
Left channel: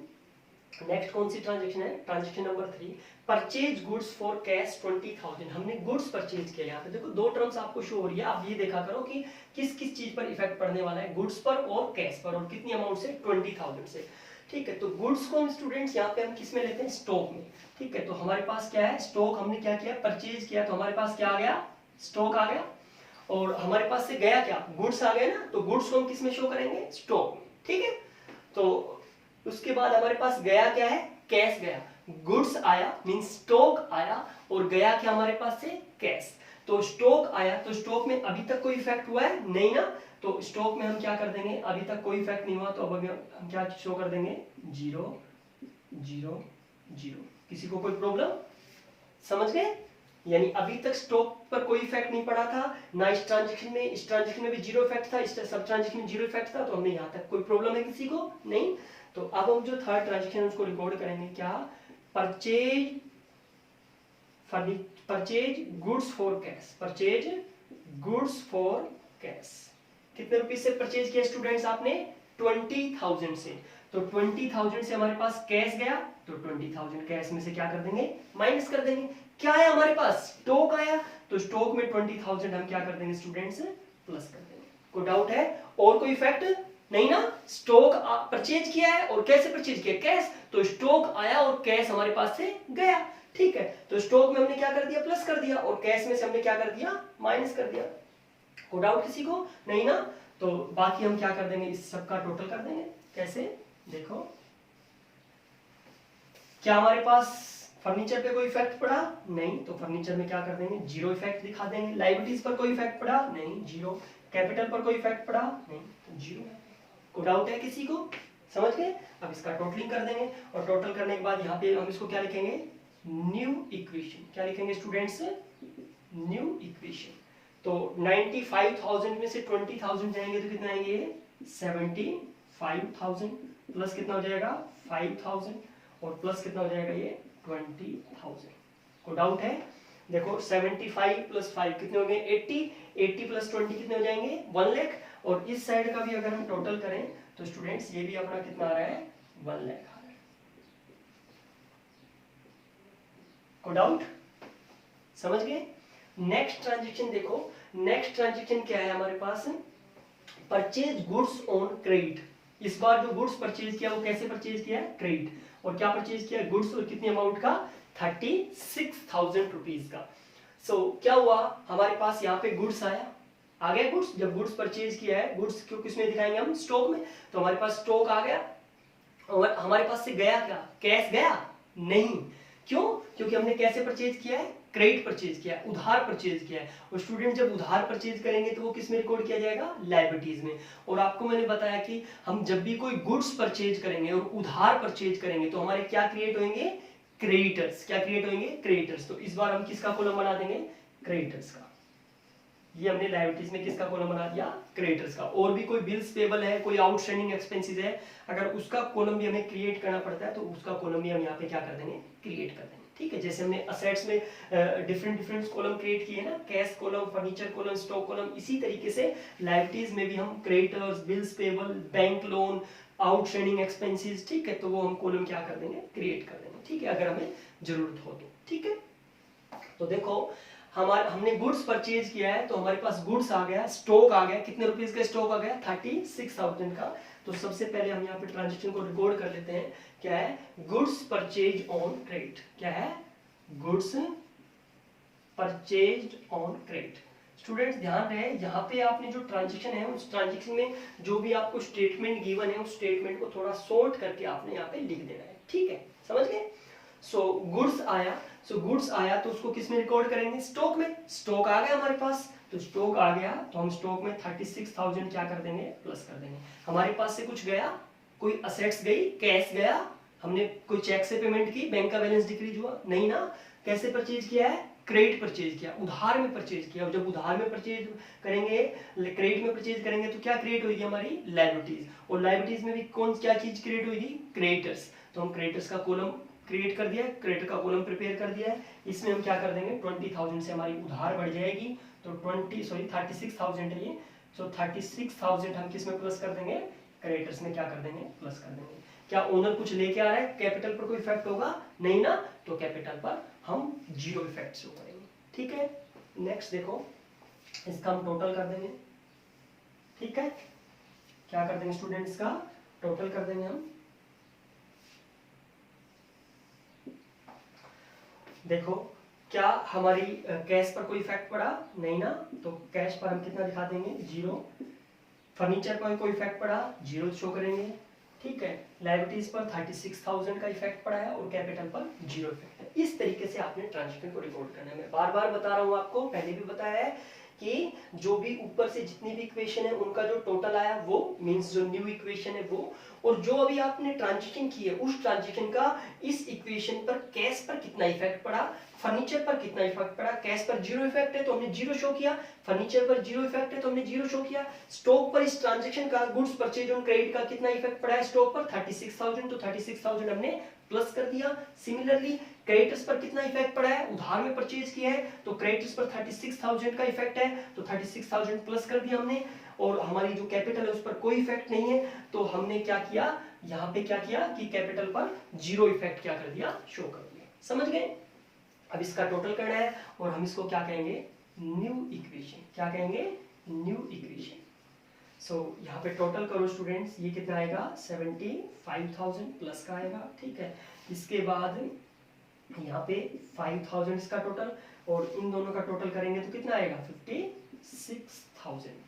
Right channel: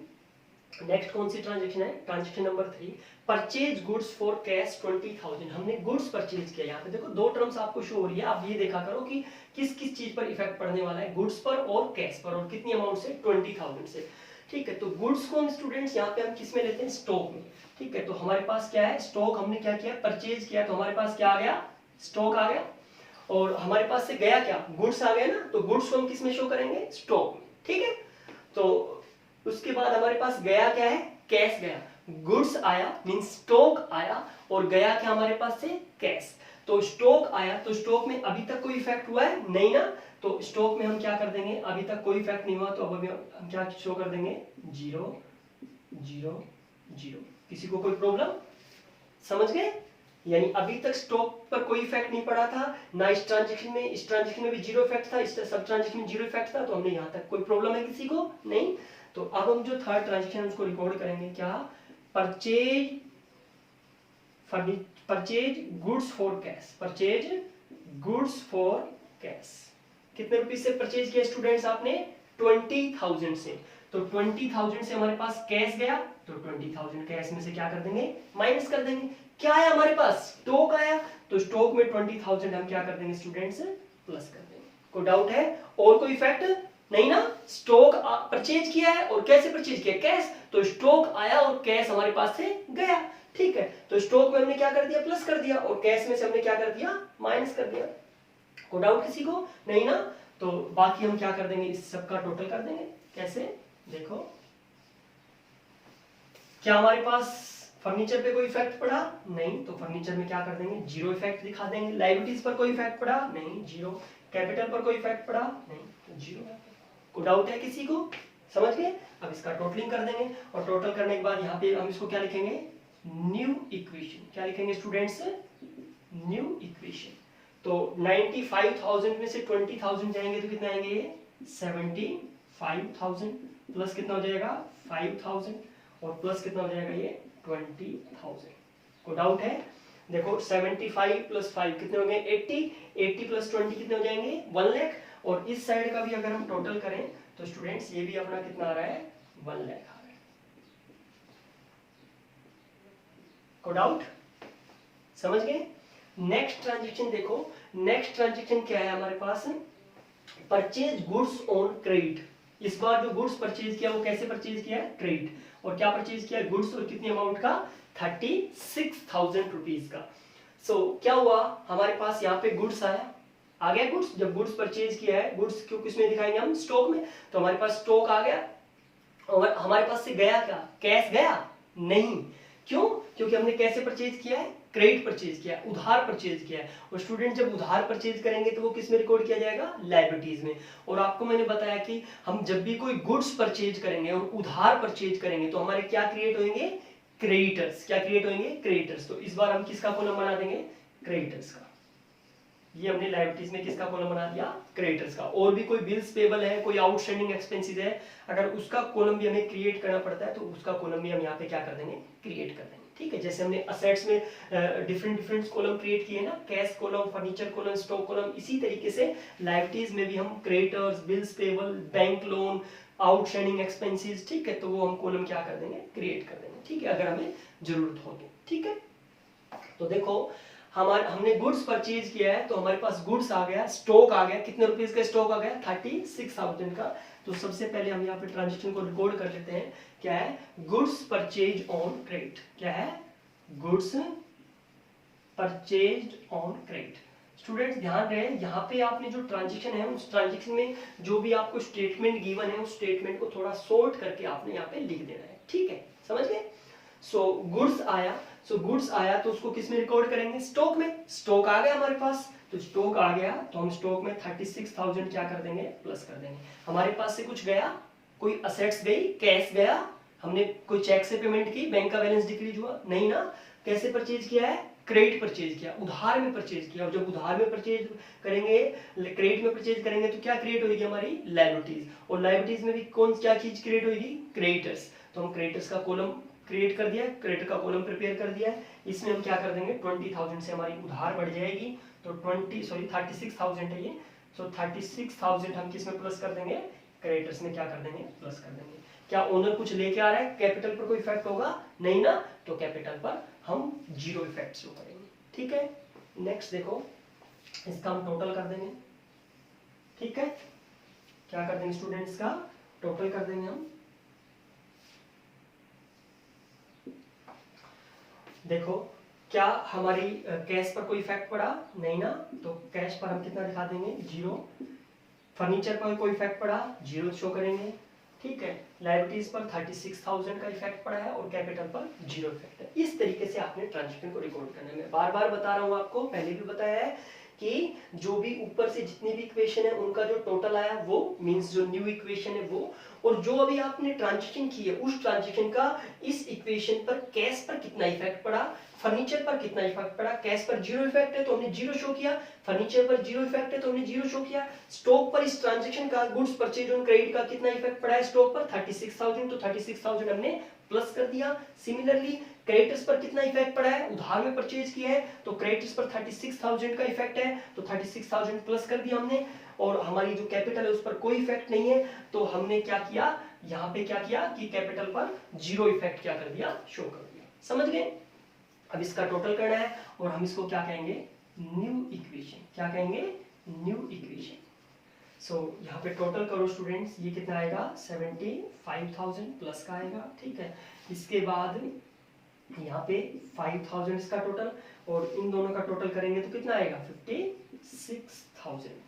नेक्स्ट कौन सी ट्रांजेक्शन है, transaction number 3, purchase goods for cash 20,000। हमने गुड्स परचेज किया। यहाँ पे देखो दो टर्म्स आपको शो हो रही है, आप ये देखा करो कि किस किस चीज पर इफेक्ट पड़ने वाला है, गुड्स पर और कैश पर, और कितनी अमाउंट से, 20,000 से। ठीक है, तो गुड्स को हम स्टूडेंट्स यहाँ पे हम किस में लेते हैं, स्टॉक में। ठीक है, तो हमारे पास क्या है, स्टॉक। हमने क्या किया, परचेज किया, तो हमारे पास क्या आ गया, स्टॉक आ गया। और हमारे पास से गया क्या, गुड्स आ गए ना, तो गुड्स को हम किस में शो करेंगे, स्टॉक में। ठीक है, तो उसके बाद हमारे पास गया क्या है, कैश गया। गुड्स आया मीन स्टॉक आया, और गया क्या हमारे पास से, कैश। तो स्टॉक आया, तो स्टॉक में अभी तक कोई इफेक्ट हुआ है नहीं ना, तो स्टॉक में हम क्या कर देंगे, अभी तक कोई इफेक्ट नहीं हुआ, तो अब हम क्या शो कर देंगे, 0 0 0। किसी को कोई प्रॉब्लम, समझ गए। यानी अभी तक स्टॉक पर कोई इफेक्ट नहीं पड़ा था ना, इस ट्रांजेक्शन में भी 0 इफेक्ट था, इस सब ट्रांजेक्शन में 0 इफेक्ट था, तो हमने यहाँ तक कोई प्रॉब्लम है किसी को नहीं। तो अब हम जो थर्ड ट्रांजेक्शन उसको रिकॉर्ड करेंगे, क्या, purchase goods for cash, purchase goods for cash. कितने रुपीस से परचेज किया स्टूडेंट्स आपने, 20,000 से। तो 20,000 से हमारे पास कैश गया, तो 20,000 कैश में से क्या कर देंगे, माइनस कर देंगे। क्या है हमारे पास, स्टॉक आया, तो स्टॉक में 20,000 हम क्या कर देंगे स्टूडेंट्स, प्लस कर देंगे। कोई डाउट है, और कोई इफेक्ट नहीं ना। स्टॉक परचेज किया है, और कैसे परचेज किया, कैश, तो स्टॉक आया और कैश हमारे पास से गया। ठीक है, तो स्टॉक में हमने क्या कर दिया, प्लस कर दिया, और कैश में से हमने क्या कर दिया, माइनस कर दिया। कोई डाउट किसी को नहीं ना। तो बाकी हम क्या कर देंगे, इस सब का टोटल कर देंगे। कैसे, देखो क्या हमारे पास फर्नीचर पे कोई इफेक्ट पड़ा नहीं, तो फर्नीचर में क्या कर देंगे, 0 इफेक्ट दिखा देंगे। लायबिलिटीज पर कोई इफेक्ट पड़ा नहीं, 0। कैपिटल पर कोई इफेक्ट पड़ा नहीं, तो 0। कोई डाउट है किसी को, समझ गए। अब इसका टोटलिंग कर देंगे, और टोटल करने के बाद यहाँ पे हम इसको क्या लिखेंगे, न्यू इक्वेशन। क्या लिखेंगे स्टूडेंट्स, न्यू इक्वेशन। तो 95,000 में से 20,000 जाएंगे तो कितने आएंगे, 75,000, प्लस कितना हो जाएगा 5,000, और प्लस कितना हो जाएगा ये 20,000। को डाउट है, देखो 75 प्लस 5 कितने हो गए 80, 80 प्लस 20 कितने हो जाएंगे 1 लाख। और इस साइड का भी अगर हम टोटल करें तो स्टूडेंट्स ये भी अपना कितना आ रहा है 1 लाख आ रहा है। को डाउट, समझ गए। नेक्स्ट ट्रांजेक्शन देखो, नेक्स्ट ट्रांजेक्शन क्या है हमारे पास, परचेज गुड्स ऑन क्रेडिट। इस बार जो गुड्स परचेज किया वो कैसे परचेज किया है, क्रेडिट। और क्या परचेज किया, गुड्स, और कितनी अमाउंट का, 36,000 रुपीज का। सो क्या हुआ, हमारे पास यहाँ पे गुड्स आया, आ गया गुड्स। जब गुड्स परचेज किया है, गुड्स क्यों किसमें दिखाएंगे हम, स्टॉक में। तो हमारे पास स्टॉक आ गया, और हमारे पास से गया क्या, कैश गया नहीं। क्यों, क्योंकि हमने कैसे परचेज किया है, क्रेडिट परचेज किया है, उधार परचेज किया है। और स्टूडेंट जब उधार परचेज करेंगे तो वो किस में रिकॉर्ड किया जाएगा, लायबिलिटीज में। और आपको मैंने बताया कि हम जब भी कोई गुड्स परचेज करेंगे और उधार परचेज करेंगे तो हमारे क्या क्रिएट होंगे, क्रेडिटर्स। क्या क्रिएट होंगे, क्रेडिटर्स। तो इस बार हम किसका कॉलम बना देंगे, क्रेडिटर्स का। ये हमने लायबिलिटीज में किसका कॉलम बना दिया, क्रेडिटर्स का। और भी कोई बिल्स पेबल है, कोई आउटस्टैंडिंग एक्सपेंसेस है, अगर उसका कॉलम भी हमें क्रिएट करना पड़ता है तो उसका कॉलम भी हम यहाँ पे क्या कर देंगे, क्रिएट कर देंगे। ठीक है, जैसे हमने असेट्स में डिफरेंट कॉलम क्रिएट किए ना, cash column, furniture column, stock column, इसी तरीके से लायबिलिटीज में भी हम creditors, bills payable, bank loan, outstanding expenses, ठीक है, तो वो हम कॉलम क्या कर देंगे, क्रिएट कर देंगे। ठीक है, अगर हमें जरूरत हो तो। ठीक है, तो देखो हमने गुड्स परचेज किया है, तो हमारे पास गुड्स आ गया, स्टॉक आ गया। कितने रुपीस का स्टॉक आ गया, 36,000 का। तो सबसे पहले हम यहाँ पे ट्रांजेक्शन को रिकॉर्ड कर लेते हैं। क्या है, गुड्स परचेज ऑन क्रेडिट। क्या है, goods purchase on credit. Students ध्यान रहे, यहाँ पे आपने जो ट्रांजेक्शन है उस ट्रांजेक्शन में जो भी आपको स्टेटमेंट गिवन है उस स्टेटमेंट को थोड़ा शॉर्ट करके आपने यहाँ पे लिख देना है। ठीक है, समझ गए। सो गुड्स आया, गुड्स आया तो उसको किस में रिकॉर्ड करेंगे, स्टॉक में। स्टॉक आ गया हमारे पास, तो स्टॉक आ गया तो हम स्टॉक में 36,000 क्या कर देंगे, प्लस कर देंगे। हमारे पास से कुछ गया, कोई असेट्स गई, कैश गया, हमने कोई चेक से पेमेंट की, बैंक का बैलेंस डिक्रीज हुआ नहीं ना। कैसे परचेज किया है, क्रेडिट परचेज किया, उधार में परचेज किया, और जब उधार में परचेज करेंगे, क्रेडिट में परचेज करेंगे तो क्या क्रिएट होगी हमारी लायबिलिटीज, और लायबिलिटीज में भी कौन क्या चीज क्रिएट होगी, क्रेडिटर्स। तो हम क्रेडिटर्स का कॉलम क्रिएट कर दिया है, क्रेडिटर का कॉलम प्रिपेयर कर दिया है। इसमें हम क्या कर देंगे, 20,000 से हमारी उधार बढ़ जाएगी, तो 36,000 है ये, सो 36,000 हम किस में प्लस कर देंगे, क्रेडिटर्स में क्या कर देंगे, प्लस कर देंगे। क्या ओनर कुछ लेके आ रहा है, कैपिटल पर कोई इफेक्ट होगा नहीं ना, तो कैपिटल पर हम जीरो इफेक्ट शो करेंगे, ठीक है। नेक्स्ट देखो, इसका हम टोटल कर देंगे, ठीक है। क्या कर देंगे स्टूडेंट्स, का टोटल कर देंगे हम। देखो क्या हमारी कैश पर कोई इफेक्ट पड़ा नहीं ना, तो कैश पर हम कितना दिखा देंगे, जीरो। फर्नीचर पर कोई इफेक्ट पड़ा, जीरो शो करेंगे, ठीक है। लायबिलिटीज पर 36,000 का इफेक्ट पड़ा है और कैपिटल पर जीरो इफेक्ट है। इस तरीके से आपने ट्रांजैक्शन को रिकॉर्ड करना है। मैं बार बार बता रहा हूं आपको, पहले भी बताया है कि जो भी ऊपर से जितनी भी इक्वेशन है उनका जो टोटल आया वो मींस जो न्यू इक्वेशन है वो, और जो अभी आपने ट्रांजैक्शन की है उस ट्रांजैक्शन का इस इक्वेशन पर कैश पर कितना इफेक्ट पड़ा, फर्नीचर पर कितना इफेक्ट पड़ा। कैश पर जीरो इफेक्ट है तो हमने जीरो शो किया, फर्नीचर पर जीरो इफेक्ट है तो हमने जीरो शो किया। स्टॉक पर इस ट्रांजैक्शन का गुड्स परचेज ऑन क्रेडिट का कितना इफेक्ट पड़ा है स्टॉक पर, 36,000, तो 36,000 हमने प्लस कर दिया। सिमिलरली क्रेडिटर्स पर कितना इफेक्ट पड़ा है, उधार में परचेज किया है तो क्रेडिटर्स पर 36,000 का इफेक्ट है, तो 36,000 प्लस कर दिया हमने। और हमारी जो कैपिटल है उस पर कोई इफेक्ट नहीं है, तो हमने क्या किया, यहाँ पे क्या किया कि कैपिटल पर जीरो इफेक्ट क्या कर दिया, शो कर दिया। समझ गए। अब इसका टोटल करना है और हम इसको क्या कहेंगे, न्यू इक्वेशन। क्या कहेंगे, न्यू इक्वेशन। सो यहाँ पे टोटल करो स्टूडेंट्स, ये कितना आएगा, 75,000 प्लस का आएगा, ठीक है। इसके बाद यहाँ पे 5,000 इसका टोटल, और इन दोनों का टोटल करेंगे तो कितना आएगा, 56,000।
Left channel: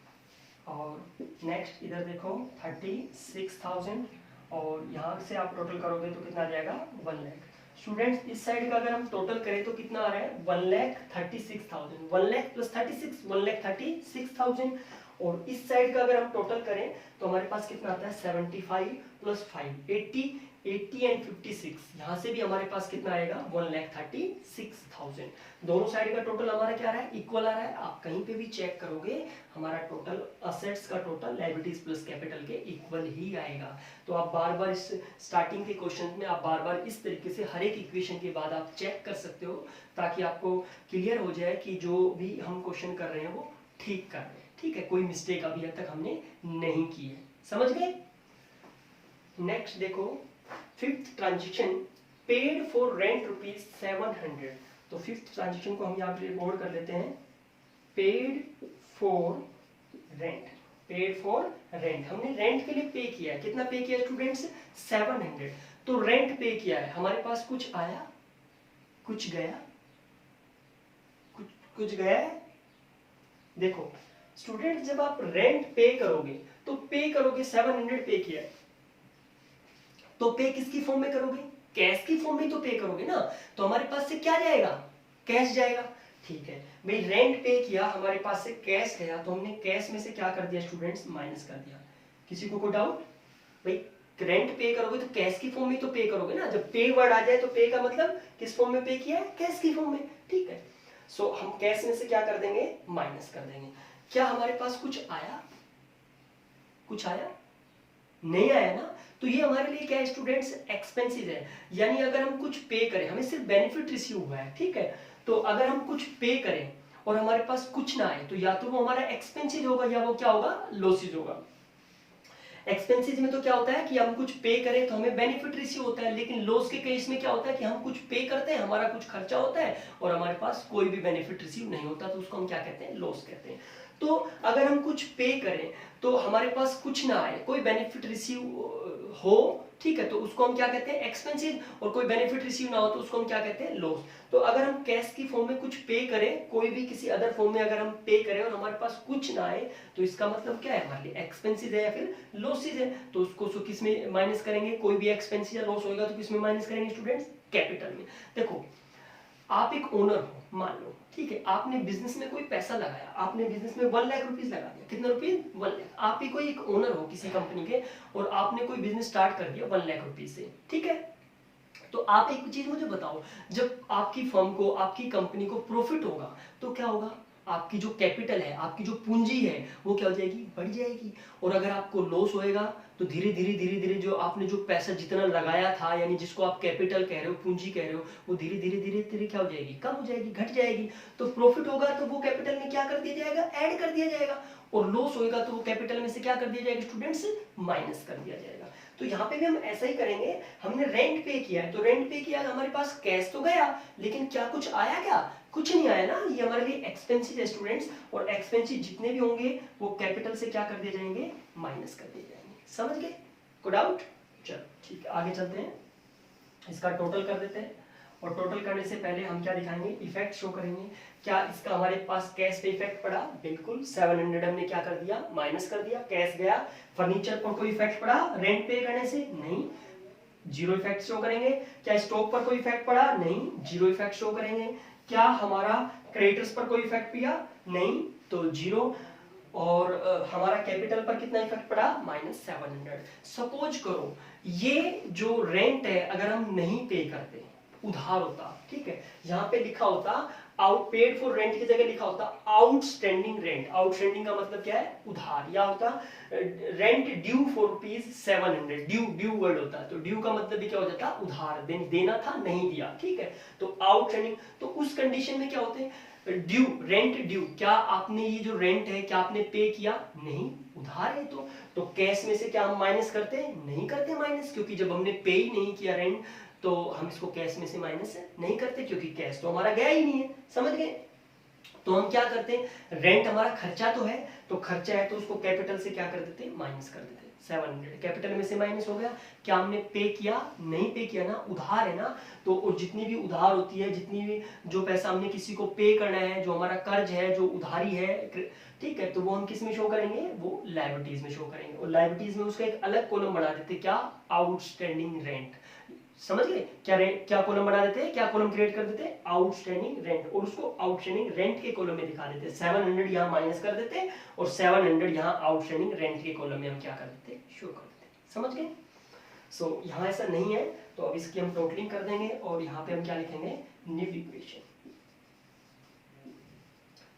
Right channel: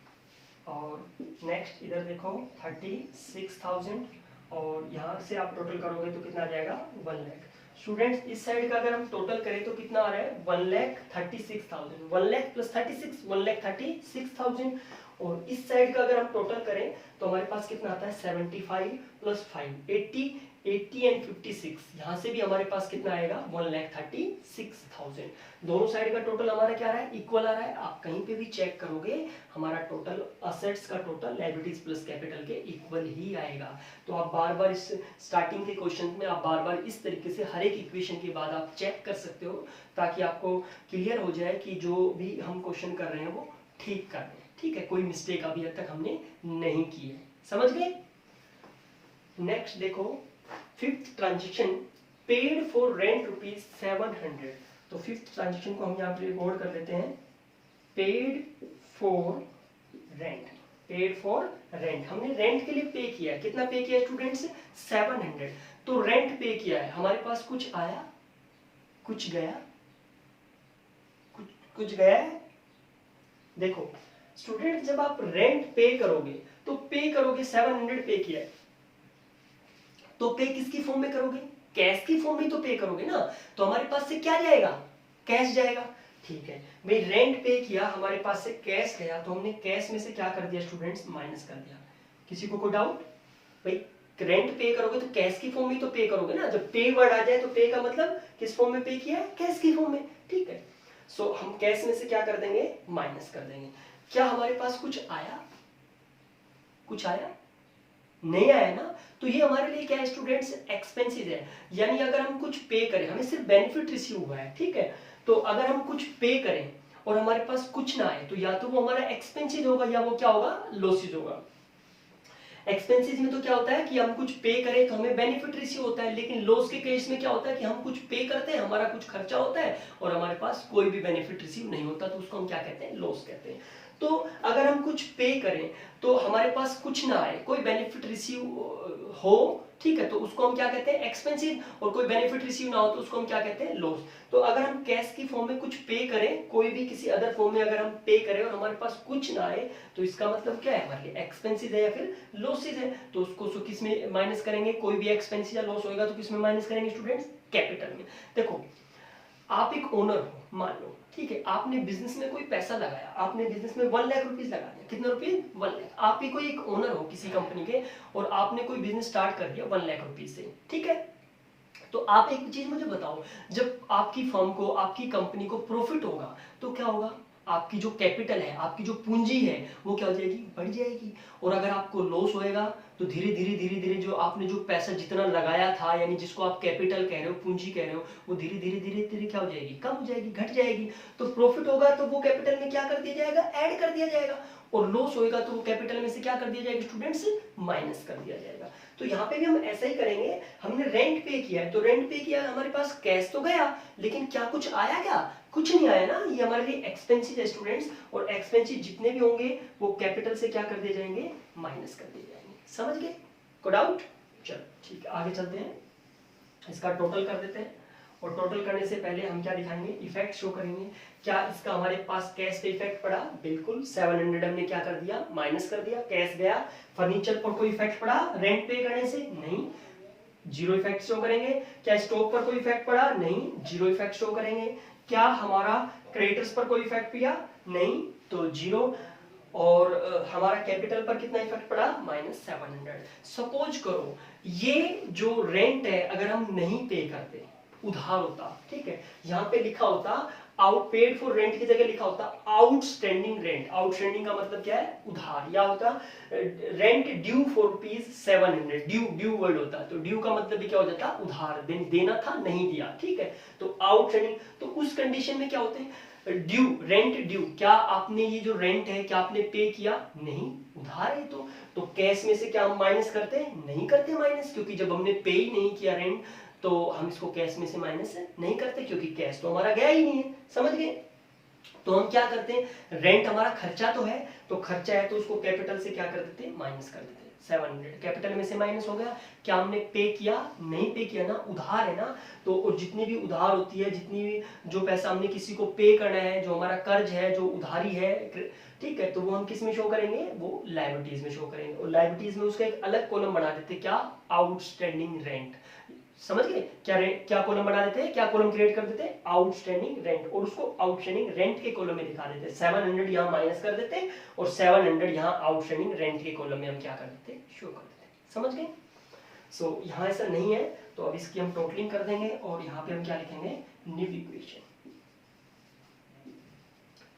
और नेक्स्ट इधर देखो 36,000, और यहाँ से आप टोटल करोगे तो कितना आ जाएगा, 1 लाख। स्टूडेंट्स इस साइड का अगर हम टोटल करें तो कितना आ रहा है, 1,36,000, 1 लाख प्लस 36, 1,36,000। और इस साइड का अगर हम टोटल करें तो हमारे पास कितना आता है, 75 प्लस 5, 80 एंड 56। यहाँ से भी हमारे पास कितना आएगा, 1,36,000। दोनों साइड का टोटल हमारा क्या आ रहा है, इक्वल आ रहा है। आप कहीं पे भी चेक करोगे हमारा टोटल असेट्स का टोटल लायबिलिटीज प्लस कैपिटल के इक्वल ही आएगा। तो आप बार बार इस स्टार्टिंग के क्वेश्चन में आप बार बार इस तरीके से हर एक इक्वेशन के बाद आप चेक कर सकते हो, ताकि आपको क्लियर हो जाए कि जो भी हम क्वेश्चन कर रहे हैं वो ठीक कर रहे हैं, ठीक है। कोई मिस्टेक अभी तक हमने नहीं की है, समझ गए। नेक्स्ट देखो, fifth transaction, paid for rent ₹700। तो फिफ्थ ट्रांजेक्शन को हम यहाँ पे रिकॉर्ड कर लेते हैं, paid for rent. Paid for rent, हमने रेंट के लिए पे किया है, कितना पे किया है स्टूडेंट्स, 700। तो रेंट पे किया है, हमारे पास कुछ आया कुछ गया, कुछ गया है। देखो स्टूडेंट जब आप रेंट पे करोगे तो पे करोगे, 700 पे किया है, तो पे किसकी फॉर्म में करोगे, कैश की फॉर्म में तो पे करोगे ना। तो हमारे पास से क्या जाएगा, कैश जाएगा, ठीक है भाई। रेंट पे किया, हमारे पास से कैश गया, तो हमने कैश में से क्या कर दिया स्टूडेंट्स, माइनस कर दिया। किसी को कोई डाउट, भाई रेंट पे करोगे तो कैश की फॉर्म में तो पे करोगे ना। जब पे वर्ड आ जाए तो पे का मतलब किस फॉर्म में पे किया है, कैश की फॉर्म में, ठीक है। सो हम कैश में से क्या कर देंगे, माइनस कर देंगे। क्या हमारे पास कुछ आया, कुछ आया नहीं आया ना, तो ये हमारे लिए क्या है स्टूडेंट्स, एक्सपेंसेस है। यानी अगर हम कुछ पे करें, हमें सिर्फ बेनिफिट रिसीव हुआ है, ठीक है। तो अगर हम कुछ पे करें और हमारे पास कुछ ना आए, तो या तो वो हमारा एक्सपेंसेस होगा या वो क्या होगा, लॉसेज होगा। एक्सपेंसेस में तो क्या होता है कि हम कुछ पे करें तो हमें बेनिफिट रिसीव होता है, लेकिन लॉस के केस में क्या होता है कि हम कुछ पे करते हैं, हमारा कुछ खर्चा होता है और हमारे पास कोई भी बेनिफिट रिसीव नहीं होता, तो उसको हम क्या कहते हैं, लॉस कहते हैं। तो अगर हम कुछ पे करें तो हमारे पास कुछ ना आए, कोई बेनिफिट रिसीव हो, ठीक है, तो उसको हम क्या कहते हैं, एक्सपेंसिव। और कोई बेनिफिट रिसीव ना हो तो उसको हम क्या कहते हैं, लॉस। तो अगर हम कैश की फॉर्म में कुछ पे करें, कोई भी किसी अदर फॉर्म में अगर हम पे करें और हमारे पास कुछ ना आए, तो इसका मतलब क्या है, हमारे लिए एक्सपेंसिव है या फिर लॉसेज है। तो उसको किस में माइनस करेंगे, कोई भी एक्सपेंसिव या लॉस होगा तो किस में माइनस करेंगे स्टूडेंट्स, कैपिटल में। देखो आप एक ओनर हो मान लो, ठीक है, आपने बिजनेस में कोई पैसा लगाया, आपने बिजनेस में 1 लाख रुपीज लगा दिया, कितना रुपीज, 1 लाख। आप ही कोई एक ओनर हो किसी कंपनी के और आपने कोई बिजनेस स्टार्ट कर दिया 1 लाख रुपीज से, ठीक है। तो आप एक चीज मुझे बताओ, जब आपकी फर्म को, आपकी कंपनी को प्रॉफिट होगा तो क्या होगा, आपकी जो कैपिटल है, आपकी जो पूंजी है वो क्या हो जाएगी, बढ़ जाएगी। और अगर आपको लॉस होएगा तो धीरे धीरे जो आपने जो पैसा जितना लगाया था, यानी जिसको आप कैपिटल कह रहे हो, पूंजी कह रहे हो, वो धीरे धीरे क्या हो जाएगी, कम हो जाएगी, घट जाएगी। तो प्रॉफिट होगा तो वो कैपिटल में क्या कर दिया जाएगा, ऐड कर दिया जाएगा। और लॉस होएगा तो वो कैपिटल में से क्या कर दिया जाएगा स्टूडेंट्स, माइनस कर दिया जाएगा। तो यहाँ पे भी हम ऐसा ही करेंगे। हमने रेंट पे किया है तो रेंट पे किया, हमारे पास कैश तो गया, लेकिन क्या कुछ आया, क्या कुछ नहीं आया ना। ये हमारे लिए एक्सपेंसिव है स्टूडेंट्स, और एक्सपेंसिव जितने भी होंगे वो कैपिटल से क्या कर दिए जाएंगे, माइनस कर दिए जाएंगे। समझ गए, को डाउट? चलो ठीक है, आगे चलते हैं, इसका टोटल कर देते हैं। और टोटल करने से पहले हम क्या दिखाएंगे, इफेक्ट शो करेंगे। क्या इसका हमारे पास कैश पे इफेक्ट पड़ा, बिल्कुल 700 हमने क्या कर दिया, माइनस कर दिया, कैश गया। फर्नीचर पर कोई इफेक्ट पड़ा रेंट पे करने से, नहीं, जीरो इफेक्ट शो करेंगे। क्या स्टॉक पर कोई इफेक्ट पड़ा, नहीं, जीरो इफेक्ट शो करेंगे। क्या हमारा क्रेडिटर्स पर कोई इफेक्ट किया, नहीं, तो जीरो। और हमारा कैपिटल पर कितना इफेक्ट पड़ा, -700। सपोज करो ये जो रेंट है अगर हम नहीं पे करते, उधार होता, ठीक है, यहाँ पे लिखा होता आउट पेड फॉर रेंट की जगह लिखा होता आउटस्टैंडिंग रेंट। आउटस्टैंडिंग का मतलब क्या है, उधार। या होता rent due for ₹700, due word होता है, तो ड्यू का मतलब भी क्या हो जाता, उधार, देना था नहीं दिया, ठीक है। तो आउटस्टैंडिंग, तो उस कंडीशन में क्या होते हैं, ड्यू, रेंट ड्यू, क्या आपने ये जो रेंट है क्या आपने पे किया, नहीं, उधार है। तो कैश में से क्या हम माइनस करते, नहीं करते माइनस, क्योंकि जब हमने पे ही नहीं किया रेंट तो हम इसको कैश में से माइनस नहीं करते, क्योंकि कैश तो हमारा गया ही नहीं है। समझ गए? तो हम क्या करते हैं, रेंट हमारा खर्चा तो है, तो खर्चा है तो उसको कैपिटल से क्या कर देते हैं, माइनस कर देते हैं। 700 कैपिटल में से माइनस हो गया। क्या हमने पे किया, नहीं पे किया ना, उधार है ना। तो और जितनी भी उधार होती है, जितनी भी जो पैसा हमने किसी को पे करना है, जो हमारा कर्ज है, जो उधारी है, ठीक है, तो वो हम किस में शो करेंगे, वो लायबिलिटीज में शो करेंगे। और लायबिलिटीज में उसका एक अलग कॉलम बना देते, क्या, आउटस्टैंडिंग रेंट। समझ गए? क्या कॉलम बना देते हैं, क्या कॉलम क्रिएट कर देते हैं, आउटस्टैंडिंग रेंट, और उसको आउटस्टैंडिंग रेंट के कॉलम में दिखा देते हैं। 700 यहाँ माइनस कर देते हैं और 700 यहाँ आउटस्टैंडिंग रेंट के कॉलम में हम क्या कर देते हैं, शो कर देते हैं। समझ गए? सो यहाँ ऐसा नहीं है, तो अब इसकी हम टोटलिंग कर देंगे और यहाँ पे हम क्या लिखेंगे, न्यू इक्वेशन।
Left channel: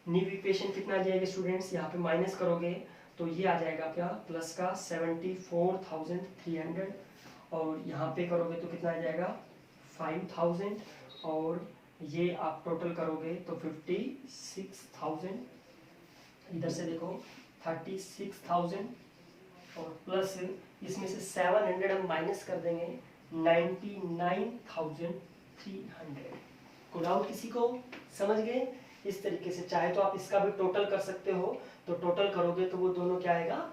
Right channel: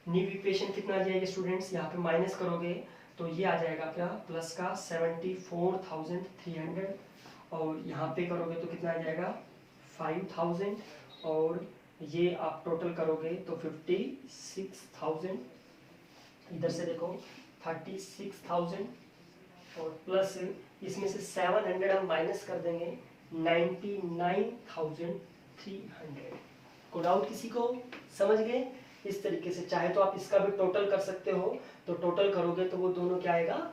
न्यू इक्वेशन कितना आ जाएगा स्टूडेंट्स, यहाँ पे माइनस करोगे तो ये आ जाएगा क्या, प्लस का 74,300, और यहाँ पे करोगे तो कितना आ जाएगा 5,000, और ये आप टोटल करोगे तो 56,000, इधर से देखो 36,000, और प्लस इसमें से 700 हम माइनस कर देंगे, 99,300। को डाउट किसी को? समझ गए? इस तरीके से चाहे तो आप इसका भी टोटल कर सकते हो, तो टोटल करोगे तो वो दोनों क्या आएगा,